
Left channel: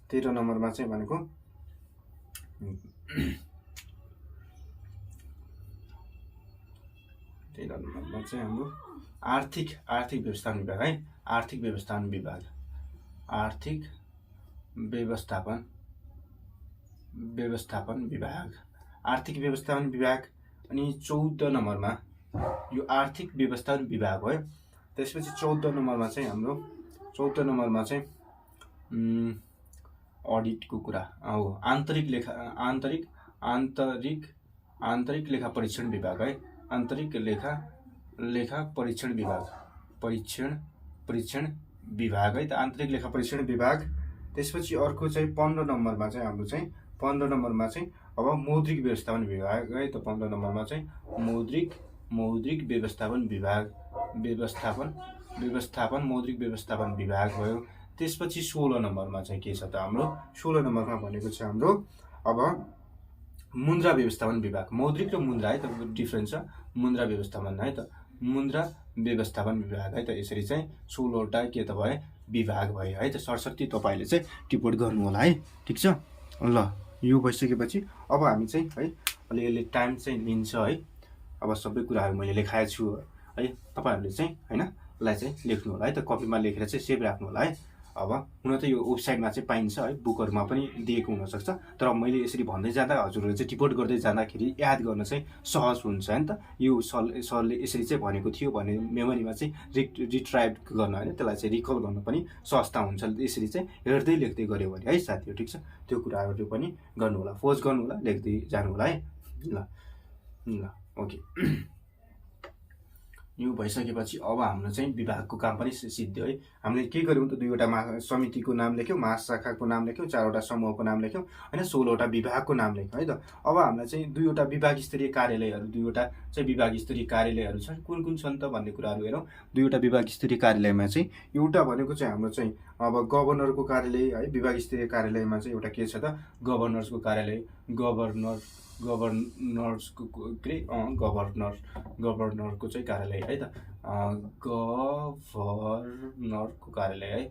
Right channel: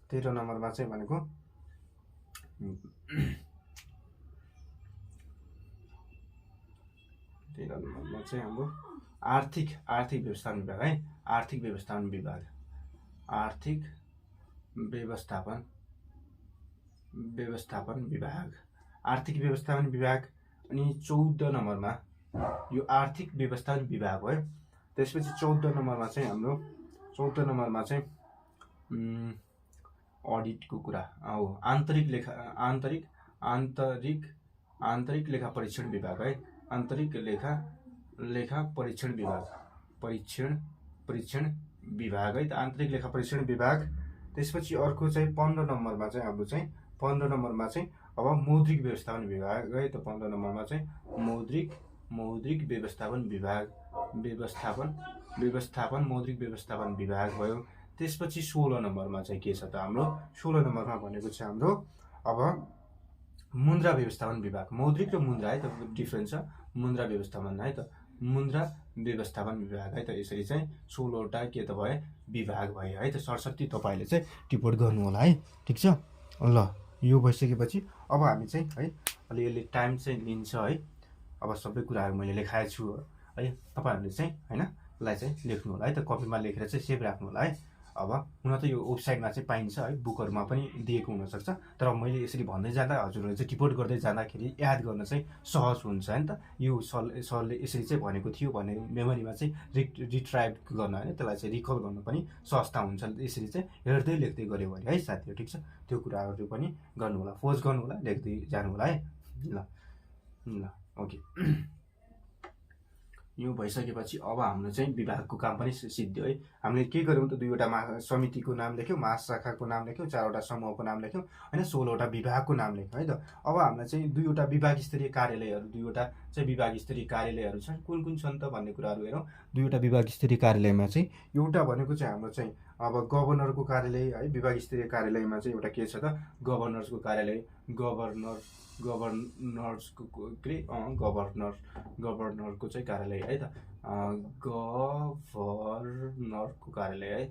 13 नम्बरमा चाहिँ भनेको 13 नम्बरमा चाहिँ हाम्रो आर्थिक व्यवस्थापन विभाग है। आर्थिक व्यवस्थापन विभाग आर्थिक व्यवस्थापन विभाग अनि 14 नम्बरमा यो आर्थिक व्यवस्थापन विभाग हो है। त्यसपछि 14 नम्बरमा चाहिँ हाम्रो 14 नम्बरमा चाहिँ अडिटको कुरा हो। आन्तरिक लेखा परीक्षण विभाग है। आन्तरिक लेखा परीक्षण विभाग है त आन्तरिक लेखा परीक्षण विभाग। त्यसपछि अर्को चाहिँ 15 नम्बरमा चाहिँ हाम्रो चाहिँ 15 नम्बरमा चाहिँ अब मौद्रिक व्यवस्थापन विभाग है त 15 नम्बरमा चाहिँ मौद्रिक व्यवस्थापन मौद्रिक व्यवस्थापन विभाग भयो। त्यसपछि 16 नम्बरमा चाहिँ के छ त हाम्रो 16 नम्बरमा भनेको चाहिँ हाम्रो अब मुद्रा व्यवस्थापन विभाग। मौद्रिक र मुद्रा है त डिफरेन्स छ। मुद्रा व्यवस्थापन है त मुद्रा व्यवस्थापन विभाग है त। यसरी चाहिँ 16 वटा के त भयो विभाग भयो है त। सरस्वती तपाईले चाहिँ टिप्पणी गर्नु होला है। ठीक छ ल। यो भइसकेपछि अब हामी चाहिँ है अलिअलि टाइम चाहिँ लिन्छ है। अब सबै कुराहरू मैले लेखाएको छु है। तपाईहरुले चाहिँ हैन लाई चाहिँ लेख्नु होला है त। कपीमा लेखेर चाहिँ सेभ राख्नु होला है। अब हुन त यो वेबसाइटमा चाहिँ पाइन्छ है, बुकहरुमा पनि दिएको हुन सक्छ। तर मैले यसरी भन्दै जाँदा हजुरहरुले चाहिँ टिप्पणी गर्दै जाँदाखेरि याद गर्न चाहिँ सहज हुन्छ हैन त। यो सरले यसरी चाहिँ भनेको थियो भने मेमोरीमा चाहिँ रिट्राइभ गर्न हैन, त्यसलाई चाहिँ रिकल गर्न पनि सहजता हुन्छ। यसरी चाहिँ हेर्दै लेख्दै गर्यो भने है साथीहरु। ठीक छ, त्यो कुराहरु पनि गर्नु होला, फोज गर्नु होला, लेख्दै जानु होला है। ल ओके। यो भइसकेपछि अब हाम्रो चाहिँ विभागको काम पनि सिद्धियो है। हामीले के गर्यौं त 2 वटा समितिको नाम लेख्यौं, महाशाखाको नाम लेख्यौं, 4 वटा समूहको नाम लेख्यौं हैन, 16 वटा विभागको नाम लेख्यौं है त। अब हामीलाई चाहिँ 2 वटा विभाग स्तरीय कार्यालयहरू 2 वटा चाहिँ विभाग स्तरीय कार्यालयहरू छन्। कुन छन् त भन्ने कुराहरू हेरौं। 2 वटा विभाग स्तरीय कार्यालयमा चाहिँ एउटा भनेको चाहिँ हाम्रो चाहिँ अब गभर्नरको कार्यालय है। विभाग स्तरीय कार्यालयमा चाहिँ एउटा के छ त गभर्नरको कार्यालय, गभर्नरको चाहिँ कार्यालय है त। गभर्नरको कार्यालय है।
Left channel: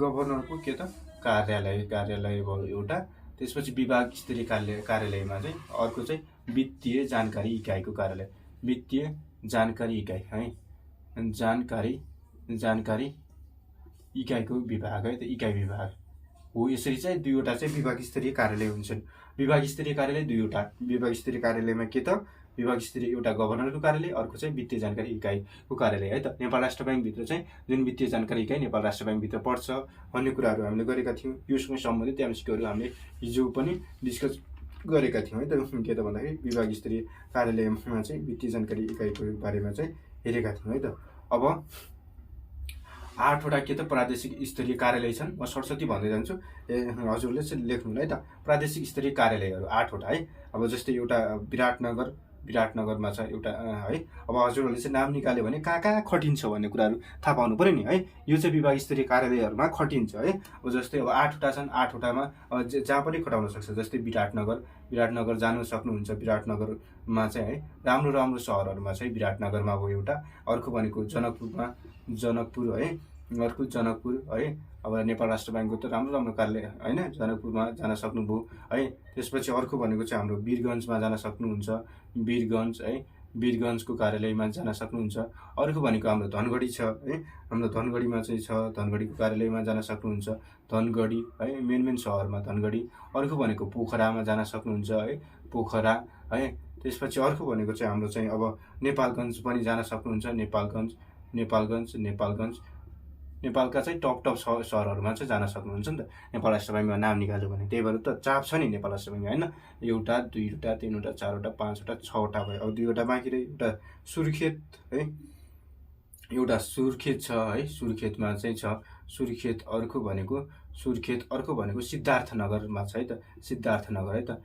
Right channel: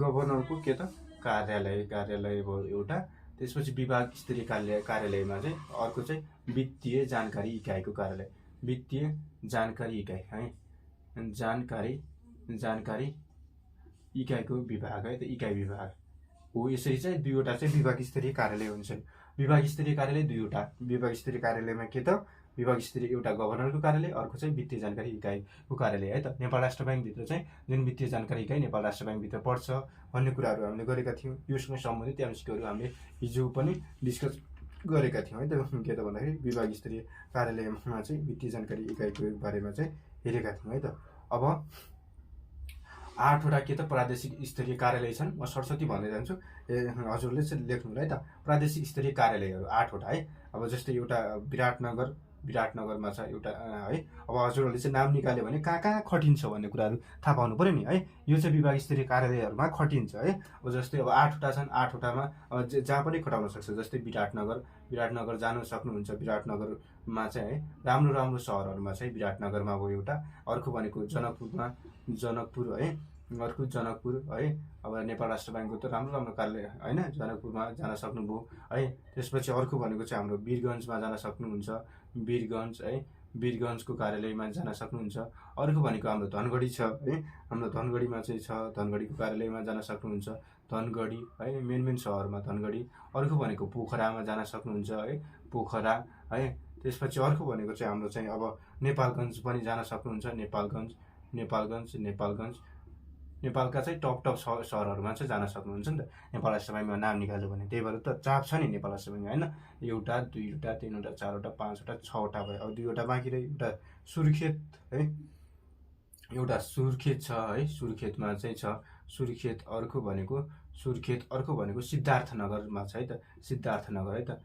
गभर्नरको के त कार्यालय भयो एउटा। त्यसपछि विभाग स्तरीय कार्यालयमा चाहिँ अर्को चाहिँ वित्तीय जानकारी इकाइको कार्यालय, वित्तीय जानकारी इकाइ है, जानकारी इकाइको विभाग है त, इकाइ विभाग हो। यसरी चाहिँ 2 वटा चाहिँ विभाग स्तरीय कार्यालय हुन्छन्। विभाग स्तरीय कार्यालय 2 वटा। विभाग स्तरीय कार्यालयमा के त विभाग स्तरीय एउटा गभर्नरको कार्यालय, अर्को चाहिँ वित्तीय जानकारी इकाइको कार्यालय है त। नेपाल राष्ट्र बैंक भित्र चाहिँ जुन वित्तीय जानकारी इकाइ नेपाल राष्ट्र बैंक भित्र पर्छ भन्ने कुराहरू हामीले गरेका थियौं। योसँग सम्बन्धित एमसीक्यूहरू हामीले हिजो पनि डिस्कस गरेका थियौं है त। के त भन्दाखेरि विभाग स्तरीय कार्यालयमा चाहिँ वित्तीय जानकारी इकाइको बारेमा चाहिँ हेरेका थियौं है त। अब 8 वटा के त प्रादेशिक स्तरीय कार्यालय छन्। म सरस्वती भन्दै जान्छु, हजुरले चाहिँ लेख्नु होला है त। प्रादेशिक स्तरीय कार्यालयहरू 8 वटा है। अब जस्तै एउटा विराटनगरमा छ एउटा है। अब हजुरहरूले चाहिँ नाम निकाल्यो भने कहाँ खटिन्छ भन्ने कुराहरू थाहा पाउनु पर्यो नि है। यो चाहिँ विभाग स्तरीय कार्यालयहरूमा खटिन्छ है। अब जस्तै अब 8 वटा छन्, 8 वटामा जहाँ पनि खटाउन सक्छ। जस्तै विराटनगर जानु सक्नुहुन्छ। विराटनगरमा चाहिँ है राम्रो सहरहरूमा चाहिँ विराटनगरमा भयो एउटा। अर्को भनेको जनकपुर है। अर्को जनकपुर है। अब नेपाल राष्ट्र ब्याङ्कको त राम्रो राम्रो कार्यालय होइन, जनकपुरमा जान सक्नुभयो है। त्यसपछि अर्को भनेको चाहिँ हाम्रो वीरगन्जमा जान सक्नुहुन्छ, वीरगन्ज है, वीरगन्जको कार्यालयमा जान सक्नुहुन्छ। अर्को भनेको हाम्रो धनगढी छ है, हाम्रो धनगढीमा चाहिँ छ, धनगढीको कार्यालयमा जान सक्नुहुन्छ, धनगढी है, मेन सहरमा धनगढी। अर्को भनेको पोखरामा जान सक्नुहुन्छ है, पोखरा है। त्यसपछि अर्को भनेको चाहिँ हाम्रो चाहिँ अब नेपालगञ्ज पनि जान सक्नुहुन्छ, नेपालगञ्ज, नेपालगञ्ज, नेपालगञ्ज। नेपालका चाहिँ टप सहरहरूमा चाहिँ जान सक्नुहुन्छ नि त नेपाल राष्ट्र ब्याङ्कमा नाम निकाल्यो भने। त्यही भएर त चाप छ नि नेपाल राष्ट्र ब्याङ्कमा होइन। एउटा, दुईवटा, तीनवटा, चारवटा, पाँचवटा, छवटा भयो। अब दुईवटा बाँकी रह्यो, एउटा सुर्खेत है, एउटा सुर्खेत छ है, सुर्खेतमा चाहिँ छ सुर्खेत। अर्को भनेको सुर्खेत, अर्को भनेको सिद्धार्थनगरमा छ है त, सिद्धार्थनगर है त,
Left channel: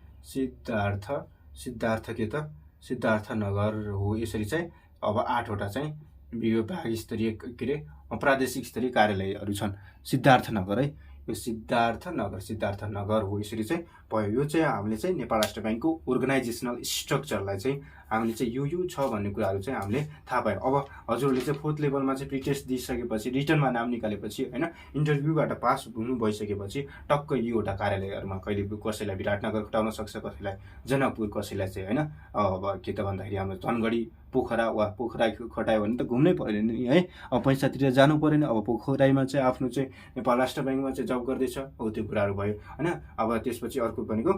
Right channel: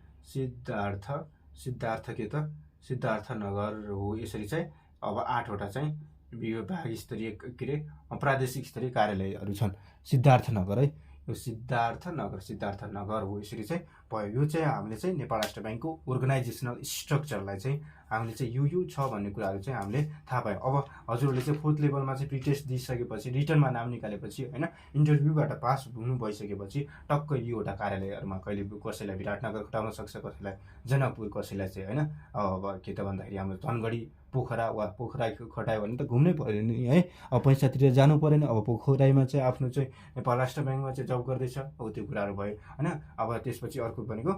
सिद्धार्थ के त सिद्धार्थनगर हो। यसरी चाहिँ अब 8वटा चाहिँ विभाग स्तरीय के अरे प्रादेशिक स्तरीय कार्यालयहरू छन् सिद्धार्थनगर है। यो सिद्धार्थनगर हो। यसरी चाहिँ भयो। यो चाहिँ हामीले चाहिँ नेपाल राष्ट्र ब्याङ्कको अर्गनाइजेसनल स्ट्रक्चरलाई चाहिँ हामीले चाहिँ यो छ भन्ने कुराहरू चाहिँ हामीले थाहा पायौँ। अब हजुरहरूले चाहिँ 4th लेभलमा चाहिँ प्रिटेस्ट दिइसकेपछि, रिटर्नमा नाम निकालेपछि होइन, इन्टरभ्यूबाट पास हुनु भइसकेपछि टक्क यो एउटा कार्यालयहरूमा कहिले कसैलाई विराटनगर खटाउन सक्छ, कसैलाई जनकपुर, कसैलाई चाहिँ होइन अब के त भन्दाखेरि हाम्रो धनगढी, पोखरा वा पोखरा खटायो भने त घुम्नै पऱ्यो नि है। अब पैसातिर जानु परेन। अब पोखरामा चाहिँ आफ्नो चाहिँ नेपाल राष्ट्र ब्याङ्कमा चाहिँ जब गर्दैछ, हो त्यो कुराहरू भयो होइन। अब त्यसपछि अर्को भनेको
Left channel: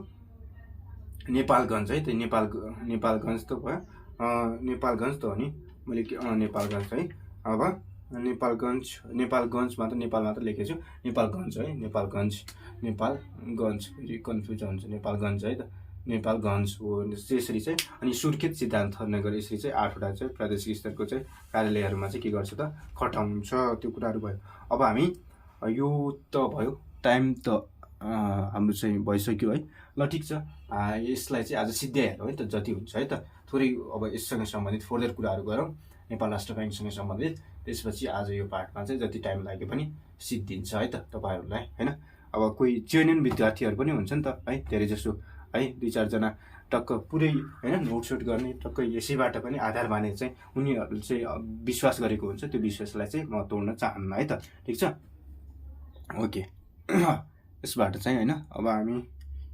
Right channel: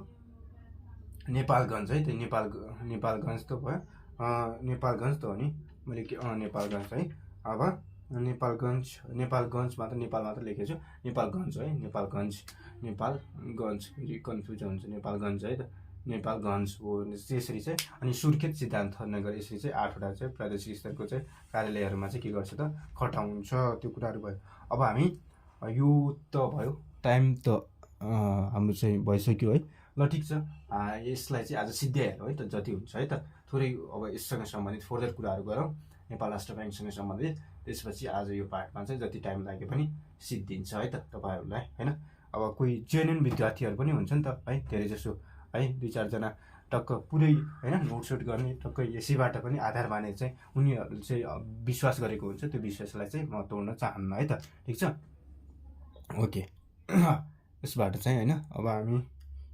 नेपालगञ्ज है, त्यो नेपालगञ्ज त भयो, नेपालगञ्ज त हो नि, मैले के नेपालगञ्ज है। अब नेपालगञ्जमा त नेपालमा त लेखेको छु, नेपालगञ्ज है, नेपालगञ्ज फेरि कन्फ्युज हुन्छ, नेपालगञ्ज है त, नेपालगञ्ज हो। त्यसरी चाहिँ अनि सुर्खेत, सिद्धार्थनगर, यसरी चाहिँ 8वटा चाहिँ प्रादेशिक स्तरको चाहिँ कार्यालयहरूमा चाहिँ के गर्छ त खटाउँछ। त्यो कुराहरू भयो। अब हामी यो त भयो, टाइम त हाम्रो चाहिँ भइसक्यो है। ल ठिक छ, यसलाई चाहिँ आज सिद्ध्यायो है त, जति हुन्छ है त थोरै अब यससँग सम्बन्धित फर्दर कुराहरू गरौँ नेपाल राष्ट्र ब्याङ्कसँग सम्बन्धित। त्यसपछि आज यो पार्टमा चाहिँ जति टाइम लागे पनि सिद्धिन्छ है त तपाईँहरूलाई होइन। अब कोही जेन्युन विद्यार्थीहरू पनि हुन्छ नि त है, धेरै जसो है, 2-4जना टक्क पुरै होइन नोटसोट गर्ने, टक्क यसैबाट पनि आधार मानेर चाहिँ उनीहरूले चाहिँ विश्वास गरेको हुन्छ। त्यो विश्वासलाई चाहिँ म तोड्न चाहन्न है त, ठिक छ। ओके, यसबाट चाहिँ होइन अब हामी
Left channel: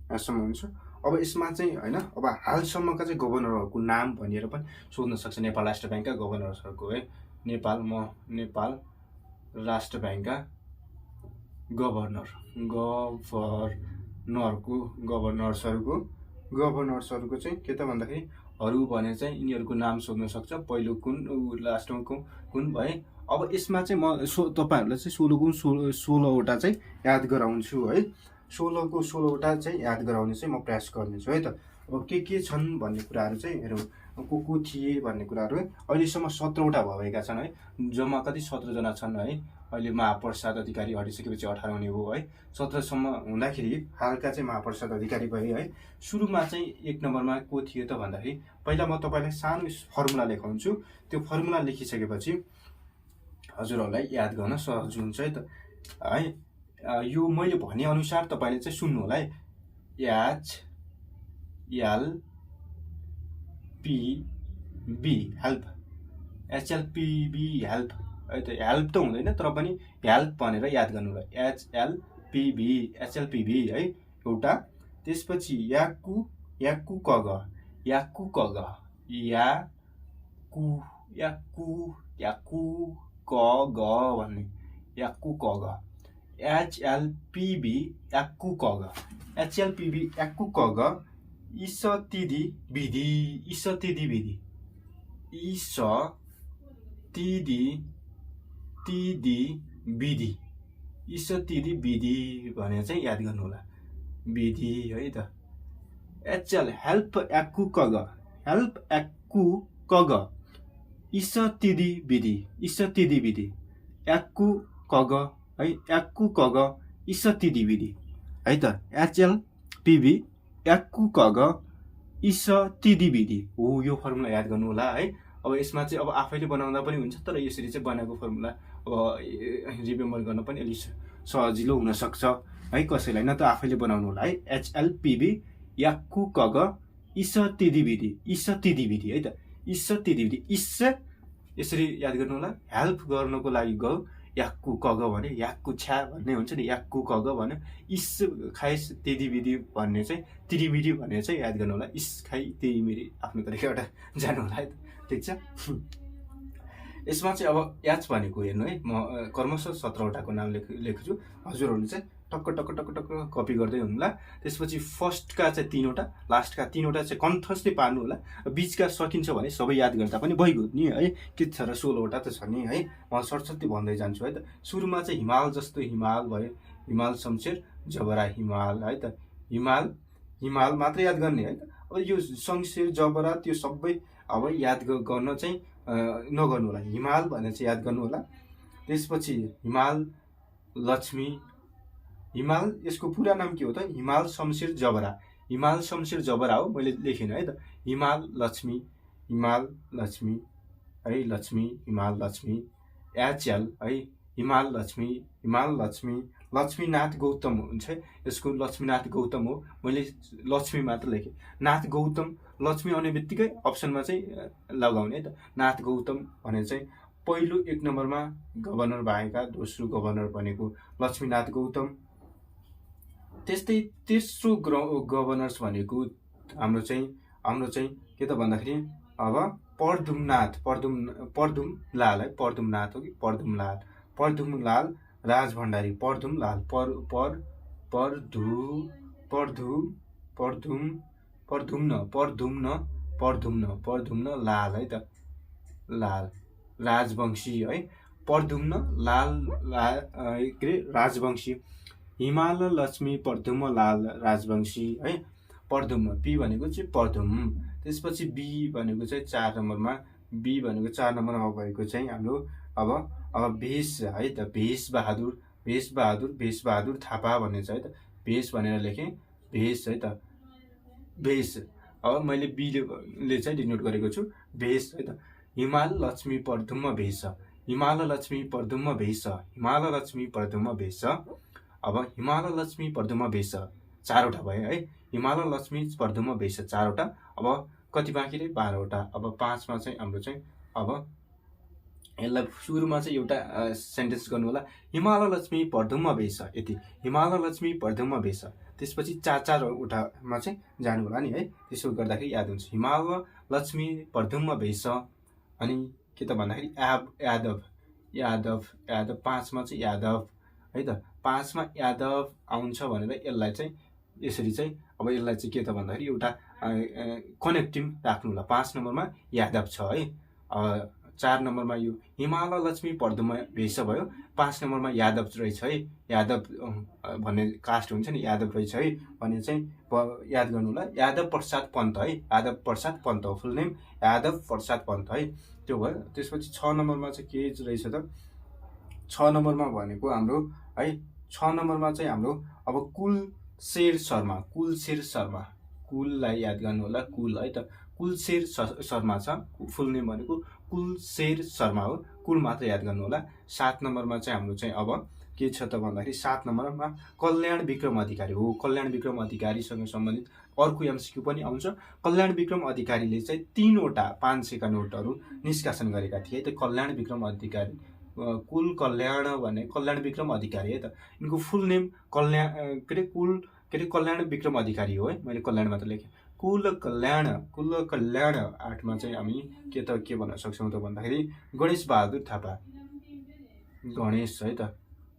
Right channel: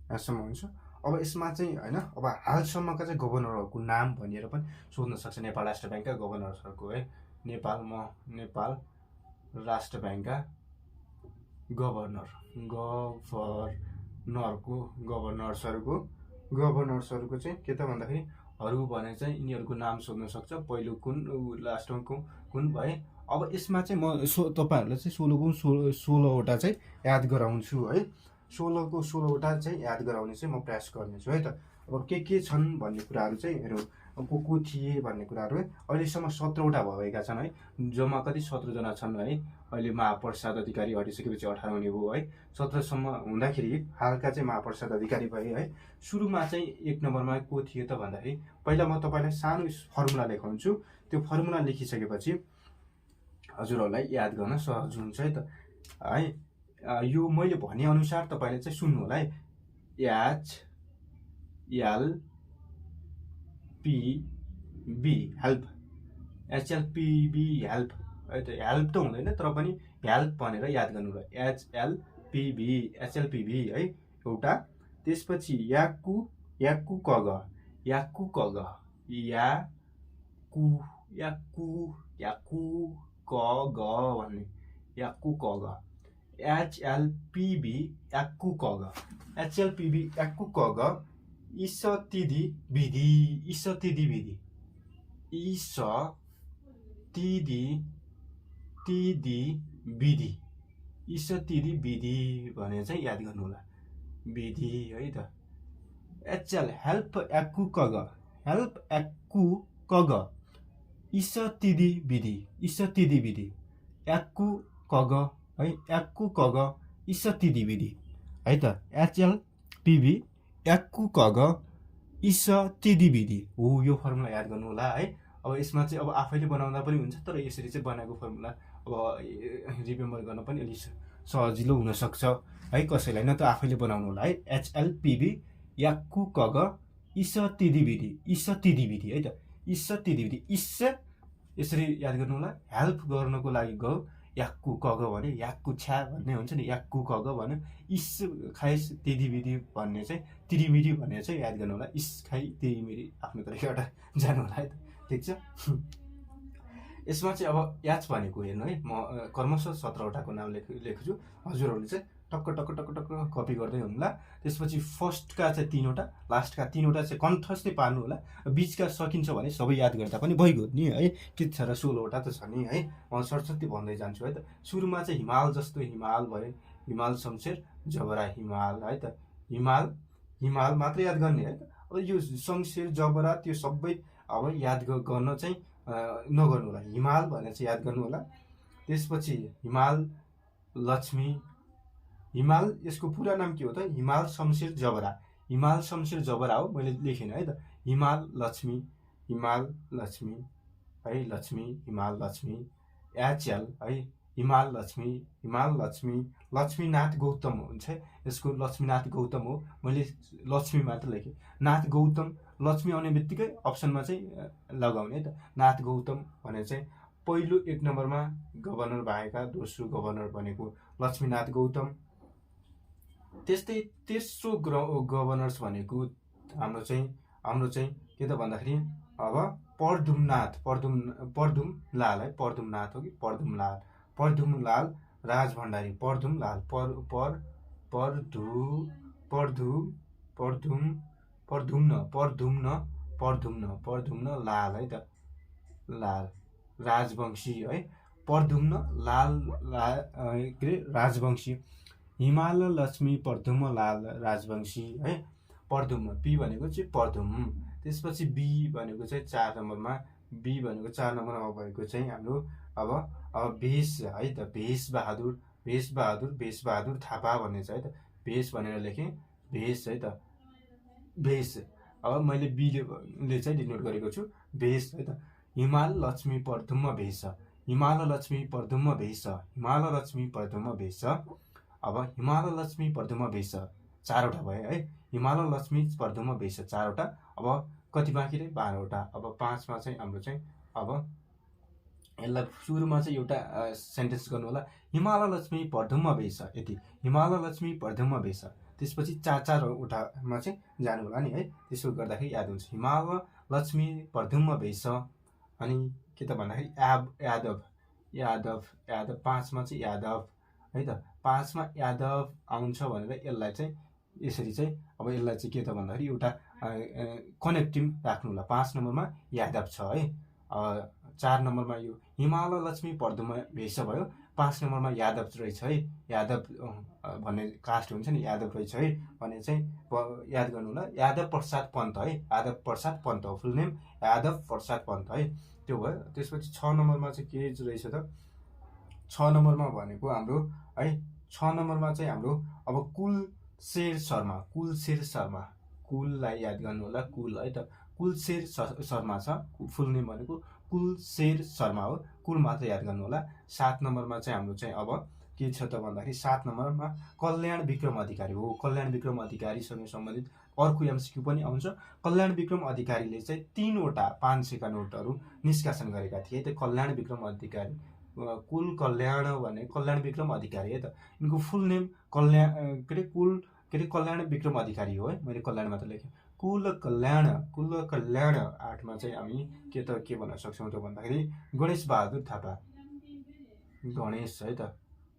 यहाँसम्म हुन्छ। अब यसमा चाहिँ होइन अब हालसम्मका चाहिँ गभर्नरहरूको नाम भनेर पनि सोध्न सक्छ नेपाल राष्ट्र ब्याङ्कका गभर्नर्सहरूको है। नेपाल राष्ट्र ब्याङ्कका गभर्नर्सहरूको चाहिँ के त भन्दाखेरि हरू भने चाहिँ यिनीहरूको नाम सोध्न सक्छ। पहिलो कुन, लास्टमा कुन है। अब यसमा चाहिँ म तपाईँहरूलाई चाहिँ 16वटा चाहिँ याद गराउँछु है। 16वटा चाहिँ याद गराउने चाहिँ म प्रयास गर्नेछु है त। अब के छन् भन्ने कुराहरू चाहिँ हेरौँ, को थिए भन्ने कुराहरू है। अहिलेसम्म 17वटा भएका छन् है, जम्मा कति 17जना छन् है। अहिले महाप्रसाद अधिकारी हटिसकेपछि 18 हुने भयो है। 17सम्म हुँदाखेरि हालका चाहिँ महाप्रसाद अधिकारी भए है। सुरुमा चाहिँ 1 नम्बरमा को थियो त भन्दाखेरि, पहिला म तपाईँलाई सानो फर्मुला लेखाउँछु। त्यो फर्मुला लेखिसकेपछि हजुरहरूलाई याद गर्न सहज हुन्छ है त है। यो मैले भनेअनुसार तपाईँले चाहिँ सुन्नु होला है। HLPB हेल्प, HLPB हेल्प है त। हेल्प त हुँदैन तर पनि हेल्प भनेर याद गर्नु होला। HLPB है एउटा। त्यसपछि याकु कग भन्ने याकु कग, HLPB याकु कग इसतिदी विधि भने चाहिँ याद गर्नु होला, विधि है त। HL हेल्प याकु कग इसतिदी विधि याकु कग है, याकु कग इसतिदी विधि है त। HLPB याकु कग इसतिदी विधि हो। यो फर्मुला याद गर्नु होला है। अब यसमा चाहिँ अब आफैले बनाउँदा पनि हुन्छ, तर यसरी चाहिँ बनाएको फर्मुला अब रिमेम्बर गर्न पनि अलिक सजिलो हुनसक्छ है कसैलाई, न त आफैले बनाउनु होला है। HLPB याकु कग इसतिदी विधि है त, इसतिदी विधि। यसरी याद गर्नु होला। हेल्प गर्नको लागि गयो, याक्कु कग भन्यो, याक्कु छ्या भन्ने हुन्छ नि, याक्कु कग भन्यो, इस खाइस त्यदिमिरी भन्ने चाहिँ तिरिमिरी भन्ने चाहिँ याद गर्नु होला। इस खाइ तिरिमिरी आफ्नो तरिकाबाट जानु होला है त, ठिक छ। यसमा चाहिँ अब याच भनेको हेर्नु है, म क्रमशः 17वटाको नाम लेख्छु, हजुरहरूले चाहिँ टक्क टक्क टक्क टक्क कपी गर्दै हुनुहोला। त्यसपछि फर्स्टका चाहिँ 3वटा, लास्टका 3वटा चाहिँ कन्ठस्थै पार्नु होला। बिचका सकिन्छ भने सबै याद गर्दा पनि भइगयो नि है, के छ र 16वटा त छ नि है। म सर्टसर्टी भन्दै जान्छु है त। सुरुमा चाहिँ हिमाल जस्तो हिमाल भयो, हिमाल शमशेर जबरा हिमाल है त, हिमाल हिमाल मात्र याद गर्ने है त। अब यो शमशेर जबरा त्यो सबै अब याद गर्न चाहिँ नगर्नु होला, हिमाल भनेर चाहिँ याद गर्नु होला। त्यसपछि हिमाल लक्ष्मी, हिमाल यसको पुरा नाम के हो त, हिमाल शमशेर जबरा, हिमाल शमशेर जबरा हो, मैले लेखिनँ है त। हिमाल लक्ष्मी, हिमाल लक्ष्मी है, लक्ष्मी हिमाल लक्ष्मी, याच्याल है, हिमाल लक्ष्मी, हिमाल लक्ष्मी, लक्ष्मीनाथ गौतम हुन्छ है, यसको लक्ष्मीनाथ गौतम हो, मैले लक्ष्मी मात्र लेखेँ। नाथ गौतम, लक्ष्मी आउने बित्तिकै अप्सनमा चाहिँ लगाउने है त, नाथ गौतम भनेर चाहिँ पहिलो 1 नम्बरमा गभर्नर भएका दोस्रो गभर्नर भनेको लक्ष्मीनाथ गौतम। त्यस्तै तेस्रो गभर्नर्स भनेको हाम्रो चाहिँ के त भन्दाखेरि अब परदुमनाथ, परदुमलाल है, परदुमनाथ हो कि परदुमलाल, परदुमलाल राजभण्डारी, परदुमलाल परदुम्न लाल है त, लाल राजवंशी है, परदुम्न लाल के अरे राजवंशी, हिमाल लक्ष्मी परदुम्न लाल राजवंशी है, परदुम्न पी भनेको चाहिँ परदुम। त्यसपछि बी भनेको चाहिँ 4 नम्बरमा, बी भनेको 4 नम्बरमा भएको चाहिँ हाम्रो अब भेष है त, भेषबहादुर थापा भन्ने छ है त, भेष भनेर लेखेँ, भेष है त, भेष। अब मैले बीले चाहिँ डिनोट गरेको छु, भेष है त। हिमाल लक्ष्मी परदुम्न भेष, हिमाल लक्ष्मी परदुम्न भेष, हिमाल लक्ष्मी परदुम्न भेष। अब हिमाल लक्ष्मी परदुम्न भेष 4वटा भयो है, हिमाल लक्ष्मी परदुम्न भेष 4वटा। अब कति बाँकी रे, 12वटा। अब 5मा चाहिँ हाम्रो चाहिँ अब यसलाई सुरुमा चाहिँ एउटा सेन्टेन्स गर्नु होला, हिमाल लक्ष्मी परदुम्न भेष, यति, हिमाल लक्ष्मी परदुम्न भेष। त्यसपछि 4-4वटामा चाहिँ जानु होला नि है, त्यसो गर्दाखेरि याद हुन्छ। हिमाल लक्ष्मी परदुम्न भेष, अनि के त भन्दाखेरि यादव 5मा चाहिँ यादव है त, 5मा यादव आउँछ भनेर यसलाई चाहिँ यसरी चाहिँ अब यसलाई चाहिँ के त भन्दाखेरि एउटा कनेक्टिङ राख्नु होला। 5 नम्बरमा यादव छ है, 4 नम्बरमा यो हिमाल लक्ष्मी परदुम्न भेष भयो, 5 नम्बरमा यादव रहेछ है, यादव भन्ने कास्ट हुन्छ नि, यादव रहेछ है भन्ने चाहिँ याद गर्नु होला। यादव प्रसाद पन्त है, यादव प्रसाद पन्त हो फुल नेम, यादव प्रसाद पन्त है, त्यो भयो। त्यसपछि 6 नम्बरमा चाहिँ के रहेछ त, 6 नम्बरमा भनेको हाम्रो है, 6 नम्बरमा चाहिँ हाम्रो अब कुलशेर शर्मा, कुललाई याद गर्नु होला, कुल है त, कुलशेर शर्मा छ, फुल नेम भनेको कुलशेर शर्मा हो, कुल मात्र याद गर्नु होला। 7 नम्बरमा चाहिँ हाम्रो चाहिँ अब के छ त भन्दाखेरि 7 नम्बरमा कल्याण विक्रम अधिकारी हो, कल्याण विक्रम अधिकारीसँग सम्बन्धित अर्को एमसीक्यू पनि आउँछ। कल्याण विक्रम अधिकारीले चाहिँ 3वटा 500 का नोटहरू निष्कासन गरेका थिए त, कल्याण विक्रम अधिकारी, कुल कल्याण भने कल्याण विक्रम अधिकारी है त, यिनको फुल नेम कल्याण विक्रम अधिकारी हो है, मैले कल्याण मात्र लेखेँ। कुल कल्याण 8मा चाहिँ हामी के भन्न सक्छौँ त भन्दाखेरि गणेश बहादुर थापा, गणेश है त,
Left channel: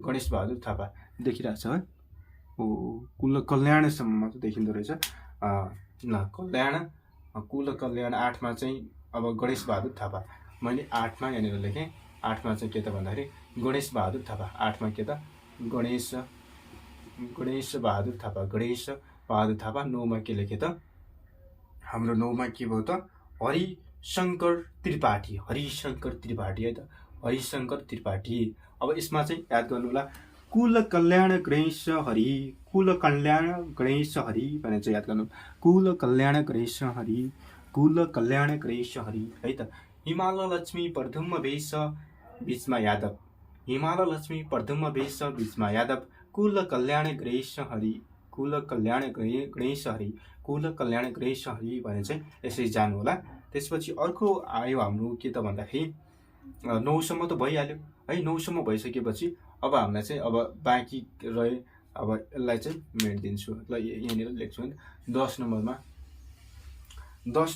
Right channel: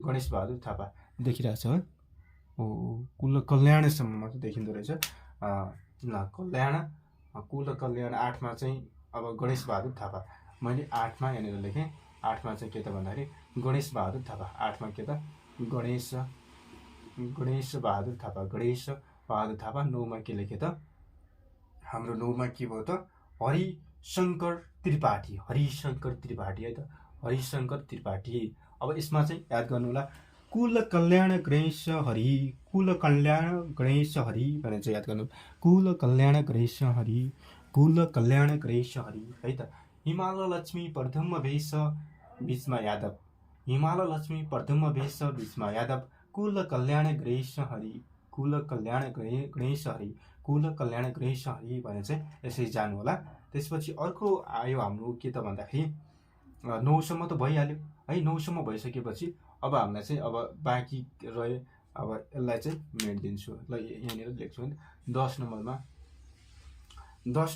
गणेश बहादुर थापा देखिरहेछ है, कुल कल्याणसम्म मात्र देखिँदो रहेछ। ल कल्याण, कुल कल्याण 8मा चाहिँ अब गणेश बहादुर थापा, मैले 8मा यहाँनिर लेखेँ। 8मा चाहिँ के त भन्दाखेरि गणेश बहादुर थापा, 8मा के त गणेश बहादुर थापा, 9मा के लेखेँ त हाम्रो 9मा के भयो त हरिशङ्कर त्रिपाठी है त, हरिशङ्कर त्रिपाठी। अब यसमा चाहिँ याद गर्नु होला, कुल कल्याण गणेश हरि भनेर चाहिँ याद गर्नु, कुल कल्याण गणेश हरि है त। हिमाल लक्ष्मी परदुम्न भेष बीचमा यादव, हिमाल लक्ष्मी परदुम्न भेष बीचमा यादव, कुल कल्याण गणेश हरि भने चाहिँ यसरी जानु होला। त्यसपछि अर्को आयो हाम्रो के त भन्दाखेरि 9 सम्म त भइहाल्यो है। 9 सम्म भइसकेपछि अब हामीलाई चाहिँ अब बाँकी रहे, अब यसलाई चाहिँ मेटिदिन्छु ल, यहाँनिर लेख्छु है। 10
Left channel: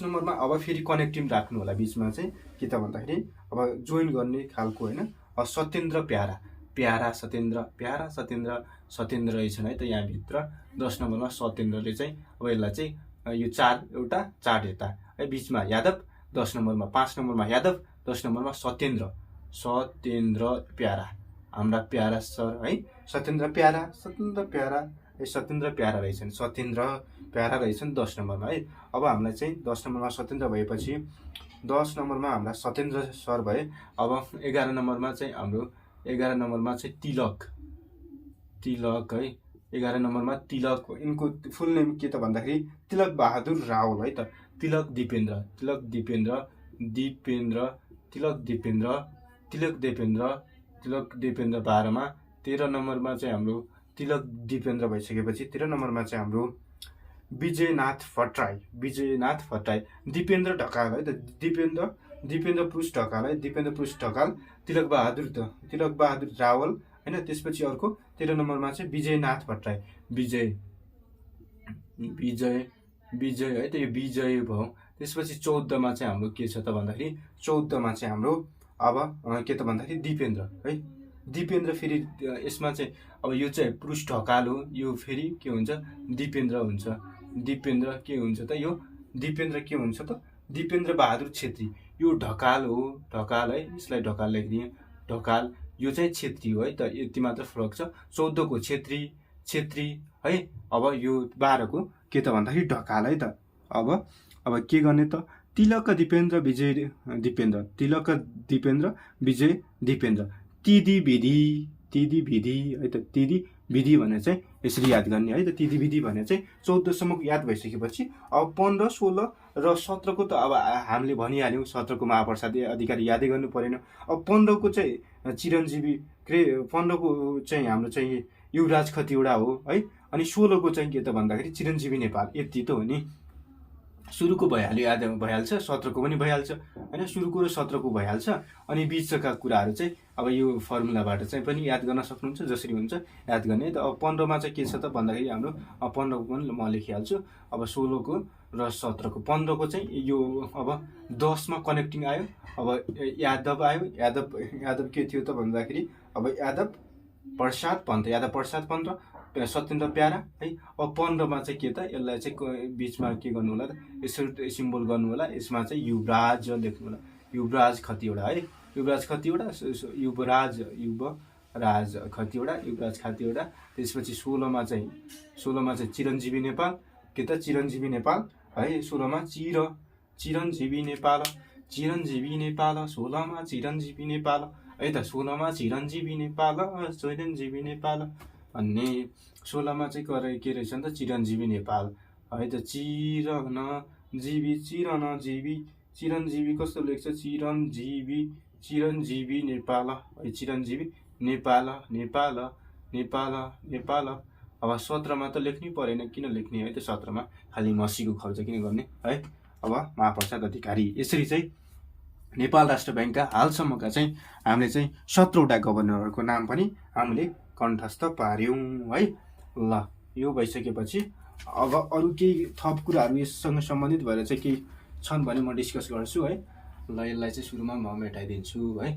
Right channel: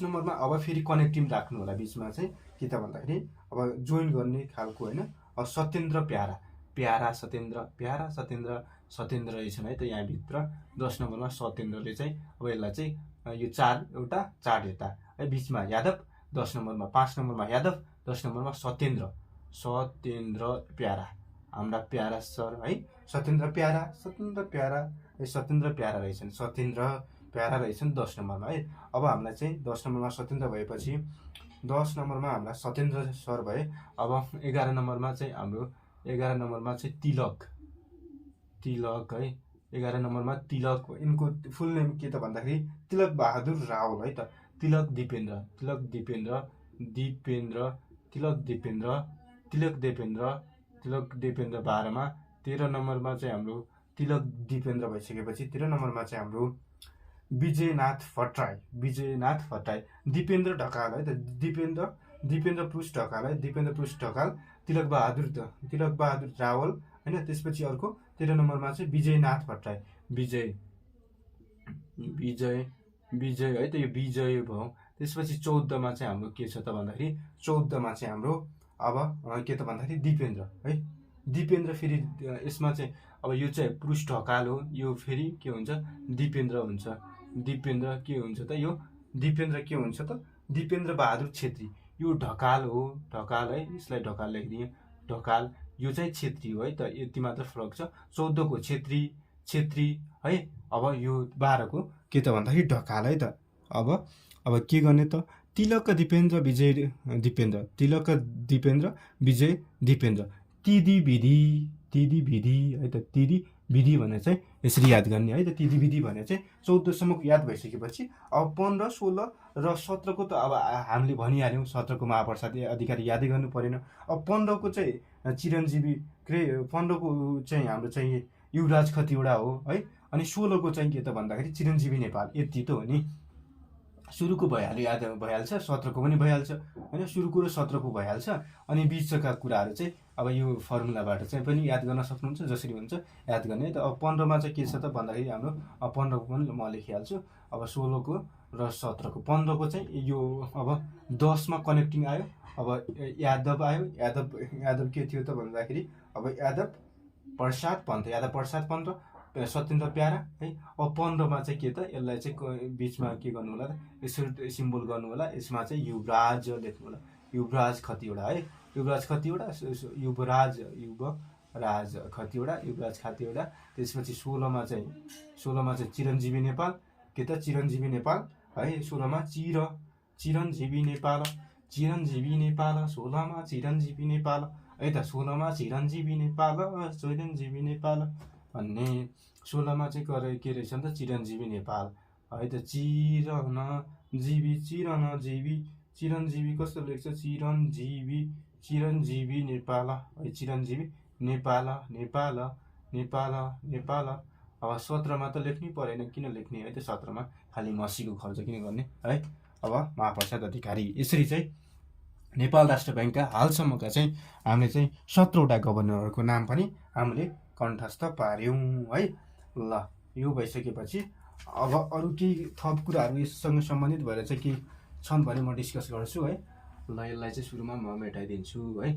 नम्बरमा अब फेरि कनेक्टिङ राख्नु होला बिचमा चाहिँ, के त भन्दाखेरि अब जोइन गर्ने खालको होइन। सत्येन्द्र प्यारा सत्येन्द्र रहेछन् है त यहाँभित्र। 10 नम्बरमा सत्येन्द्रले चाहिँ अब यसलाई चाहिँ यो 4 एउटा चार्ट हेर्दा है, बिचमा यादव, 10 नम्बरमा 5 नम्बरमा यादव, 10 नम्बरमा सत्येन्द्र प्यारा, हाम्रा प्यारा सर है, सत्येन्द्र प्यारा रहेछन् 10 नम्बरमा है। अब हामीलाई चाहिँ 10 नम्बरमा सत्येन्द्र भएपछि 10 नम्बरमा हाम्रा सत्येन्द्र सर भए। अब 11 नम्बरमा चाहिँ हाम्रो 11 नम्बरमा चाहिँ तिलक है। 11 नम्बरमा तिलक, यिनको फुल नेम के त भन्दाखेरि तिलक बहादुर रावल है त। तिलक दिपेन्द्र 12मा। 13 नम्बरमा चाहिँ हाम्रो तिलक दिपेन्द्र भइसकेपछि 13 नम्बरमा चाहिँ हाम्रो विजयनाथ भट्टराई, दिपेन्द्र ढकाल है त। दिपेन्द्र पुरुष ढकाल है, तिलक बहादुर रावल होइन। त्यसपछि अर्को 13 नम्बरमा चाहिँ विजयनाथ भट्टराई, विजय है त, यो विजय भयो। त्यसपछि 14मा चाहिँ हाम्रो के छ त भन्दाखेरि 14मा चाहिँ हाम्रो अब के त भन्दाखेरि दिपेन्द्र है। दिपेन्द्र फेरि यसमा चाहिँ अब यो चाहिँ पुरुष ढकाल हो, यो फेरि के हुन्छ दिपेन्द्र हुन्छ। दिपेन्द्र के हुन्छ त, यो दिपेन्द्र के हुन्छ त, दिपेन्द्र बहादुर छेत्री। यो ढकाल हो, ढकाल है, यसलाई ढकाल लेखिदिएँ, ढकाल। यो चाहिँ छेत्री हो है त, यति मात्र फरक छ। 14 को छेत्री है। अब यो 12 को के त भन्दाखेरि ढकाल है त। अब के गर्ने त, तिलक दिपेन्द्र विजय दिपेन्द्र तिदी विधि है त। तिदी विधि भनेर चाहिँ यसरी याद गर्ने है त। तिदी विधि भनेर चाहिँ 14 सम्मको याद भइसकेपछि अब 15, 16 र 17 को त अब हामीले भनिहाल्यौँ। 17 को महाप्रसाद अधिकारी यादै गर्नु परेन। अब 15 को चाहिँ चिरञ्जीवी 15 को चाहिँ हाम्रो चाहिँ युवराज खतिवडा हो है। अनि 16 को चाहिँ के त भन्दाखेरि चिरञ्जीवी नेपाल। यति त हो नि, सुरुको भइहाल्यो, याद भइहाल्छ। 17 को पनि भइहाल्छ होइन, सुरुको र 17 को भइहाल्छ। अनि बिचका कुराहरू चाहिँ अब यो फर्मुलाबाट चाहिँ पनि याद गर्न सक्नुहुन्छ, जसरी हुन्छ याद गर्ने। त अब 15मा चाहिँ के छ त भन्दाखेरि हाम्रो 15 को पनि म लेखिहाल्छु। अब 16 को र 17 को। 15 को चाहिँ यो अब 10 मा कनेक्टिङ आयो। अब यादव आयो। यादव के थियो त भन्दाखेरि अब यादव प्रसाद पन्त, सत्येन्द्र प्यारा है। अब 15मा चाहिँ के त, यसलाई चाहिँ बिचमा के गर्नु होला त, यसो सिम्बल गर्नु होला। यसमा चाहिँ युवराज लेख्नु होला, युवराज खतिवडा है। युवराज खतिवडा। त्यसपछि 16मा चाहिँ चिरञ्जीवी नेपाल, के त चिरञ्जीवी नेपाल है। 16मा चिरञ्जीवी नेपाल 16मा चिरञ्जीवी नेपाल है त। 16मा चिरञ्जीवी नेपाल भन्ने। 16मा चाहिँ के रहेछ नि त, चिरञ्जीवी नेपाल है त। चिरञ्जीवी कस्तो लेख्छ, चिरञ्जीवी नेपाल है। चिरञ्जीवी नेपाल। अब 17मा त लेख्नै परेन, किन लेख्ने है त। 17मा खालि मसीको खर्च किन गर्ने है। अब महाप्रसाद अधिकारी। यसरी चाहिँ नेपाल राष्ट्र ब्याङ्कका हालसम्मका चाहिँ हामीले चाहिँ 17वटा गभर्नरहरूको नाम पनि हामीले कण्ठस्थ पार्यौँ है। ल, यो भइसकेपछि अब अरू केही थप कुराहरू यससँग सम्बन्धित भएर चाहिँ केही छन् भने म डिस्कस गर्छु है। ल, यसलाई चाहिँ सुरुमा म मेटाइदिन्छु है।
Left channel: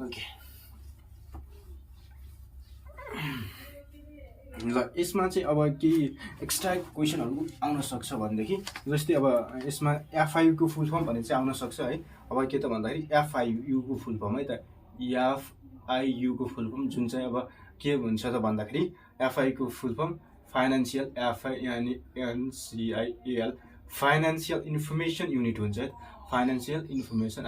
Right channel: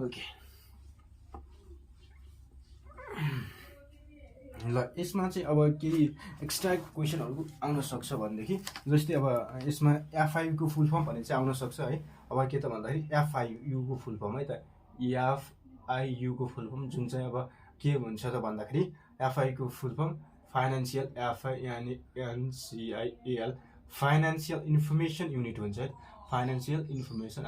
ओके, ल, यसमा चाहिँ अब केही एक्स्ट्रा क्वेसनहरू आउन सक्छ भनेदेखि, जस्तै अब यसमा FIU को फुल फर्म भन्ने चाहिँ आउन सक्छ है। अब के त भन्दाखेरि FIU को फुल फर्म है त। FIU को फुल फर्म जुन चाहिँ अब के हुन्छ त भन्दाखेरि FIU को full form financial FINANCIAL financial information unit हुन्छ है। Financial information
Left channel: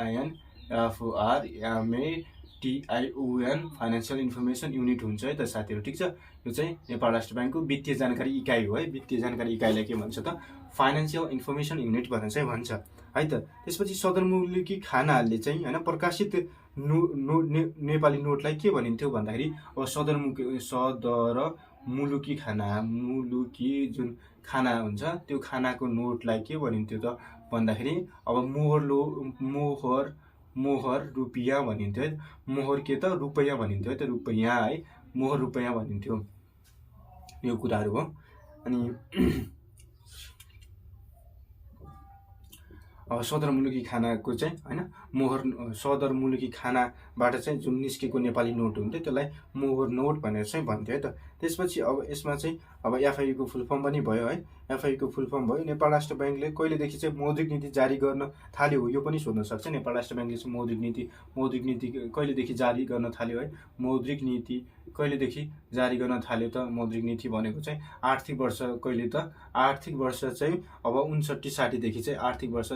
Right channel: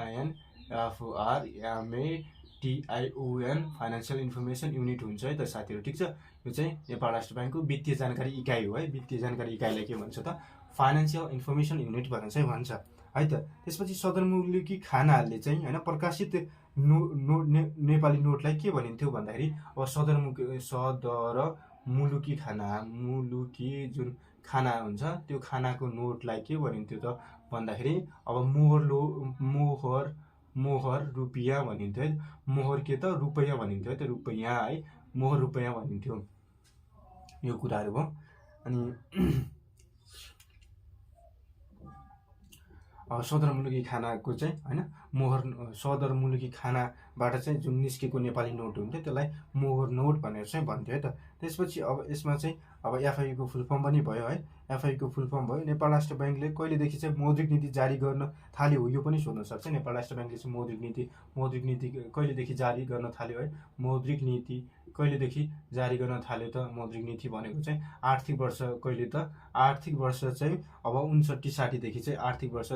INFORMATION financial information unit हुन्छ है त साथीहरू, ठिक छ। यो चाहिँ नेपाल राष्ट्र ब्याङ्कको वित्तीय जानकारी इकाइ हो है। वित्तीय जानकारी इकाइलाई के भन्छ त, फाइनेन्सियल इन्फर्मेसन युनिट भनेर चाहिँ भन्छ है त। त्यसपछि सदरमुलुकी खानाले चाहिँ होइन प्रकाशित नेपाली नोटलाई के भनिन्थ्यो भन्दाखेरि अब सदरमुलुकी खाना, मुलुकी जुन खाना हुन्छ त्यो खानाको नोटलाई के भनिन्थ्यो त भन्दाखेरि अब मोहर मोहर रुपियाँ भनिन्थ्यो है। मोहर के त रुपैयाँ भनिन्थ्यो है, त रुपैयाँ है, मोहर रुपैयाँ भनिन्थ्यो। यो कुराहरू हो। अनि सदरमुलुकी खानाको चाहिँ होइन मोहर सदरमुलुकी खानाबाट चाहिँ जुन निस्केको नेपाली नोट हुन्थ्यो त्यसलाई मोहर नोट भनेर चाहिँ भन्थ्यो है त। त्यसपछि अब यसमा चाहिँ अब एफआइयुको फुल फर्म पनि भयो है। एफआइयुको फुल फर्म भयो। नेपाल राष्ट्र ब्याङ्कले कहिलेदेखि चाहिँ मौद्रिक नीति जारी गर्न थाल्यो यो पनि सोध्न सक्छ। नेपाल राष्ट्र ब्याङ्कले चाहिँ मौद्रिक नीति कहिलेदेखि जारी गर्न थाल्यो है। मौद्रिक नीति कहिलेदेखि जारी गर्न थाल्यो त? मौद्रिक नीति भनेको चाहिँ आर्थिक वर्ष कहिले त? आर्थिक वर्ष चाहिँ अब 59-60देखि चाहिँ आर्थिक वर्ष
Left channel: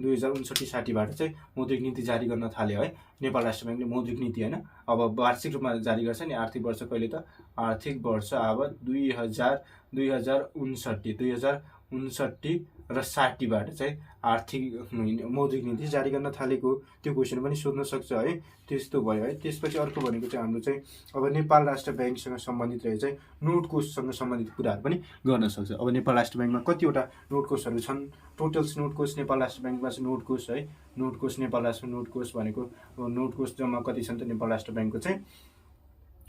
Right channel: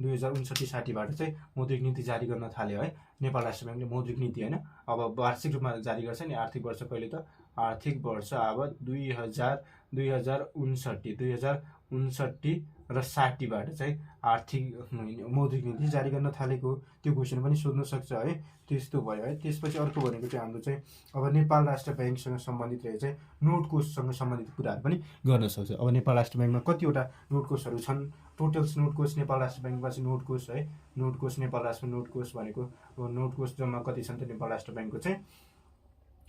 2059-60बाट चाहिँ मौद्रिक नीति जारी गर्न थाल्यो है नेपाल राष्ट्र ब्याङ्कले। मौद्रिक नीति होइन, अब वार्षिक रूपमा जारी गर्छ नि। आर्थिक वर्ष कहिले त? आर्थिक वर्ष अब 2059 र 60बाट चाहिँ आर्थिक मौद्रिक नीति जारी गर्न थालेको त्यो क्वेसन पनि सोध्न सक्छ है। त्यस्तो भयो है। त्यसपछि अर्को भनेको चाहिँ हाम्रो चाहिँ अब नेपाल राष्ट्र ब्याङ्कसँग सम्बन्धित रहे चाहिँ नोट कोषसँग सम्बन्धित कुराहरू पनि गर्न सक्छ। अब नेपाल राष्ट्र ब्याङ्कमा कतिवटा नोट कोषहरू छन्? टोटल्स नोट कोष नेपाल राष्ट्र ब्याङ्कमा चाहिँ नोट कोष है। नोट कोष नेपाल राष्ट्र नोट कोष भनेको नोट कोष जम्मा कति छन् त नेपाल राष्ट्र ब्याङ्कको चाहिँ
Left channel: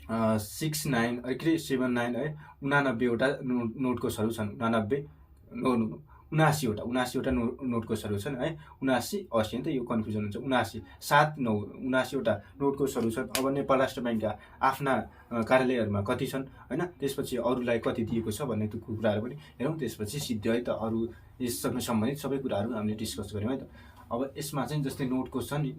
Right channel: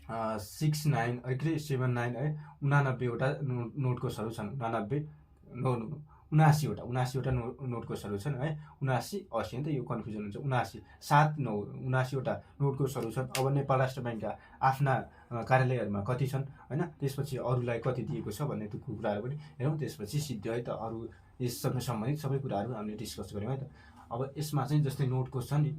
79 है 89वटा नोट कोषहरू छन्। 79वटा नोट कोषहरू छन् है। 79 80 त यो कन्फ्युजन हुन्छ। 79वटा नोट कोषहरू छन्। अब नेपाल राष्ट्र ब्याङ्कका आफ्ना कार्यालयहरूमा कति छन् होइन। त्यसपछि अरूलाई कति दिएको छ भन्ने त्यो कुराहरू पनि हेरौँ। त्यसपछि सिद्धि है त अरू यससँग सम्बन्धित सबै कुराहरू हामीले डिस्कस गऱ्यौँ है त। अब यसमा चाहिँ जस्तै नोट कोष छ नि।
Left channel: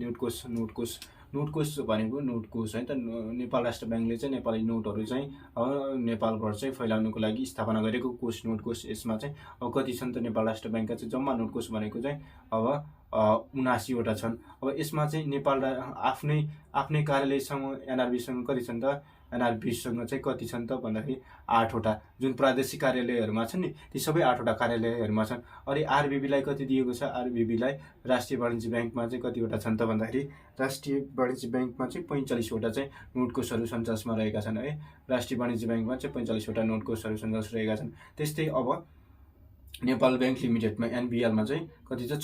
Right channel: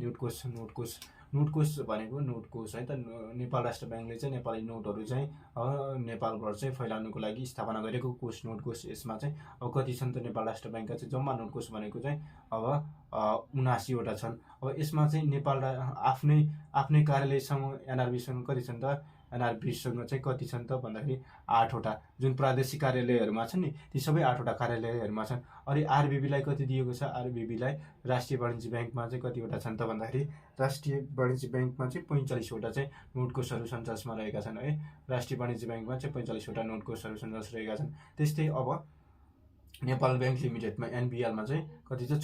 नोट कोष भनेको नोट कोष है त। नेपाल राष्ट्र ब्याङ्कले चाहिँ नेपाली नोटहरू चाहिँ नेपालभर चाहिँ फैलाउनुको लागि स्थापना गरेको कोष नोट कोष। यसमा चाहिँ अब कति छन् त नेपाल राष्ट्र ब्याङ्कका चाहिँ जम्मा नोट कोष भनेको चाहिँ अब 79वटा छन्। अब यसमा चाहिँ नेपाल आफ्नै कार्यालयसँग एनआरबीसँग कति छन् त? एनआरबीसँग चाहिँ कति छन् त भन्दाखेरि 8वटा जुन प्रादेशिक कार्यालयहरूमा छन् नि ती सबै 8वटा कार्यालयहरूमा छन्। अनि आरबिबीलाई कति दिएको छ? आरबिबीलाई राष्ट्रिय वाणिज्य ब्याङ्कमा चाहिँ कतिवटा छन् त भन्दाखेरि राष्ट्रिय वाणिज्य ब्याङ्कमा चाहिँ 45वटा चाहिँ नोट कोषहरू सञ्चासमा रहेका छन् है। राष्ट्रिय वाणिज्य ब्याङ्कमा चाहिँ 45वटा नोट कोषहरू सञ्चास रहेका छन्। त्यस्तै अब नेपाल ब्याङ्क लिमिटेडमा एनबिएलमा चाहिँ कति छ?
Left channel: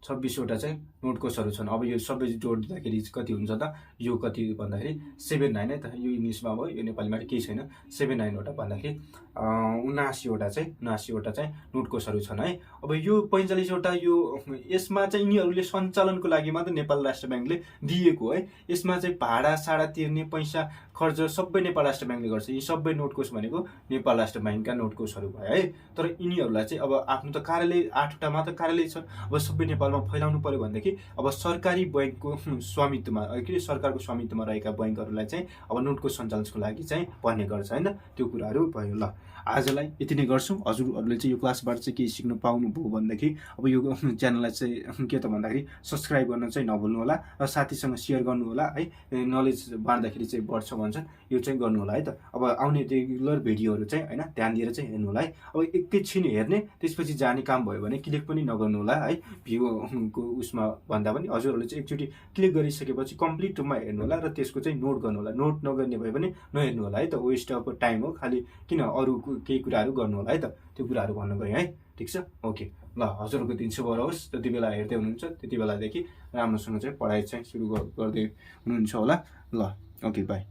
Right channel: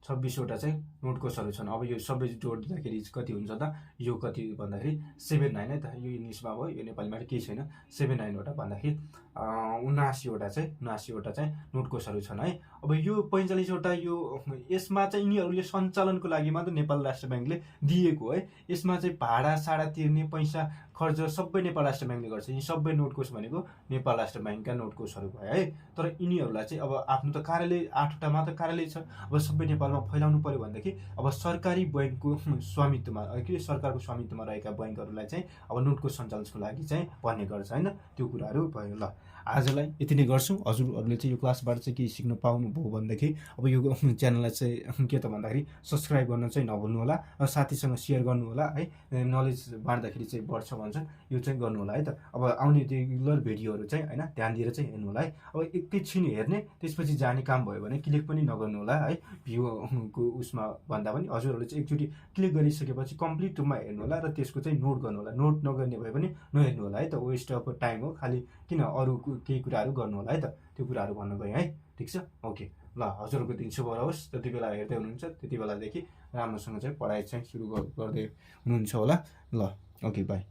26वटा चाहिँ नोट कोषहरू छन्। अब यो सबै जोड्दाखेरि कति हुन्छ त? यो कति भन्दाखेरि 79 है त। यो इङ्ग्लिसमा भयो, यो नेपालीमा केही छैन। 79वटा भन्दाखेरि 79वटा चाहिँ नोट कोषहरू छन् है। अब यो 45वटा यो यसमा चाहिँ यिनीहरूले सञ्चालनको लागि मात्र नेपाल राष्ट्र ब्याङ्कले दिएको है। यसमा चाहिँ भाडा साडा तिर्ने पैसा खर्च सबै नेपाल राष्ट्र ब्याङ्कले गर्छ। यी सबै नोट कोष भनेको नेपाल राष्ट्र ब्याङ्कका नोट कोषहरू भयो है। तर यिनीहरूलाई चाहिँ अब आफ्नो त कार्यालय 8वटा मात्र कार्यालय छ। अब सबै नेपालमा फैलाउनु पर्यो भनेदेखि अब सरकारी ब्याङ्कको स्वामित्वमा के सरकारको स्वामित्वमा रहेका ब्याङ्कहरूलाई चाहिँ अब नोट कोष सञ्चालनको लागि चाहिँ भन्ने गर्छ होइन। त्यो कुराहरू भयो। ल आजलाई यति नै गर्छौँ। हजुरहरूले चाहिँ यो क्लासबाट चाहिँ केही सिक्नु पाउनुभयो भनेदेखि अब यो च्यानललाई चाहिँ के त भन्दाखेरि सब्सक्राइब गर्न चाहिँ नभुल्नु होला र साथीसँग सेयर गर्नु होला है। नलेज बाँड्दाखेरि चाहिँ बढ्छ भन्छन्, यो चाहिँ गर्नु होला है त। अब आउने रेगुलर भिडियोहरू चाहिँ होइन ध्यान दिएर चाहिँ हेर्नु होला है। अब एकैछिन हेर्ने त्यसपछि जाने काम भयो भने क्लिक पनि नगर्नु होला है। भ्यूको उसमा भन्दा पनि हजुरहरूले चाहिँ एकचोटि क्लिक गरिसकेपछि कम्प्लिट रूपमा हेर्नु होला र त्यसको चाहिँ नोट गर्नु होला। नोट नगर्ने भए पनि नहेर्नु होला है त। वेस्ट अफ टाइम हो खालि, किन अरू केही कुराहरू गर्नु होला है त। त्यो कुराहरू भन्नु गयो है। ठिक छ, ओके। ल हजुरहरूको दिन शुभ रहोस्। जति बेला हेर्दै हुनुहुन्छ त्यति बेलादेखि राम्रोसँग चाहिँ पढाइ चाहिँ सुरु गर्दै हुनुहुन्छ होला। ल ओके, बाई।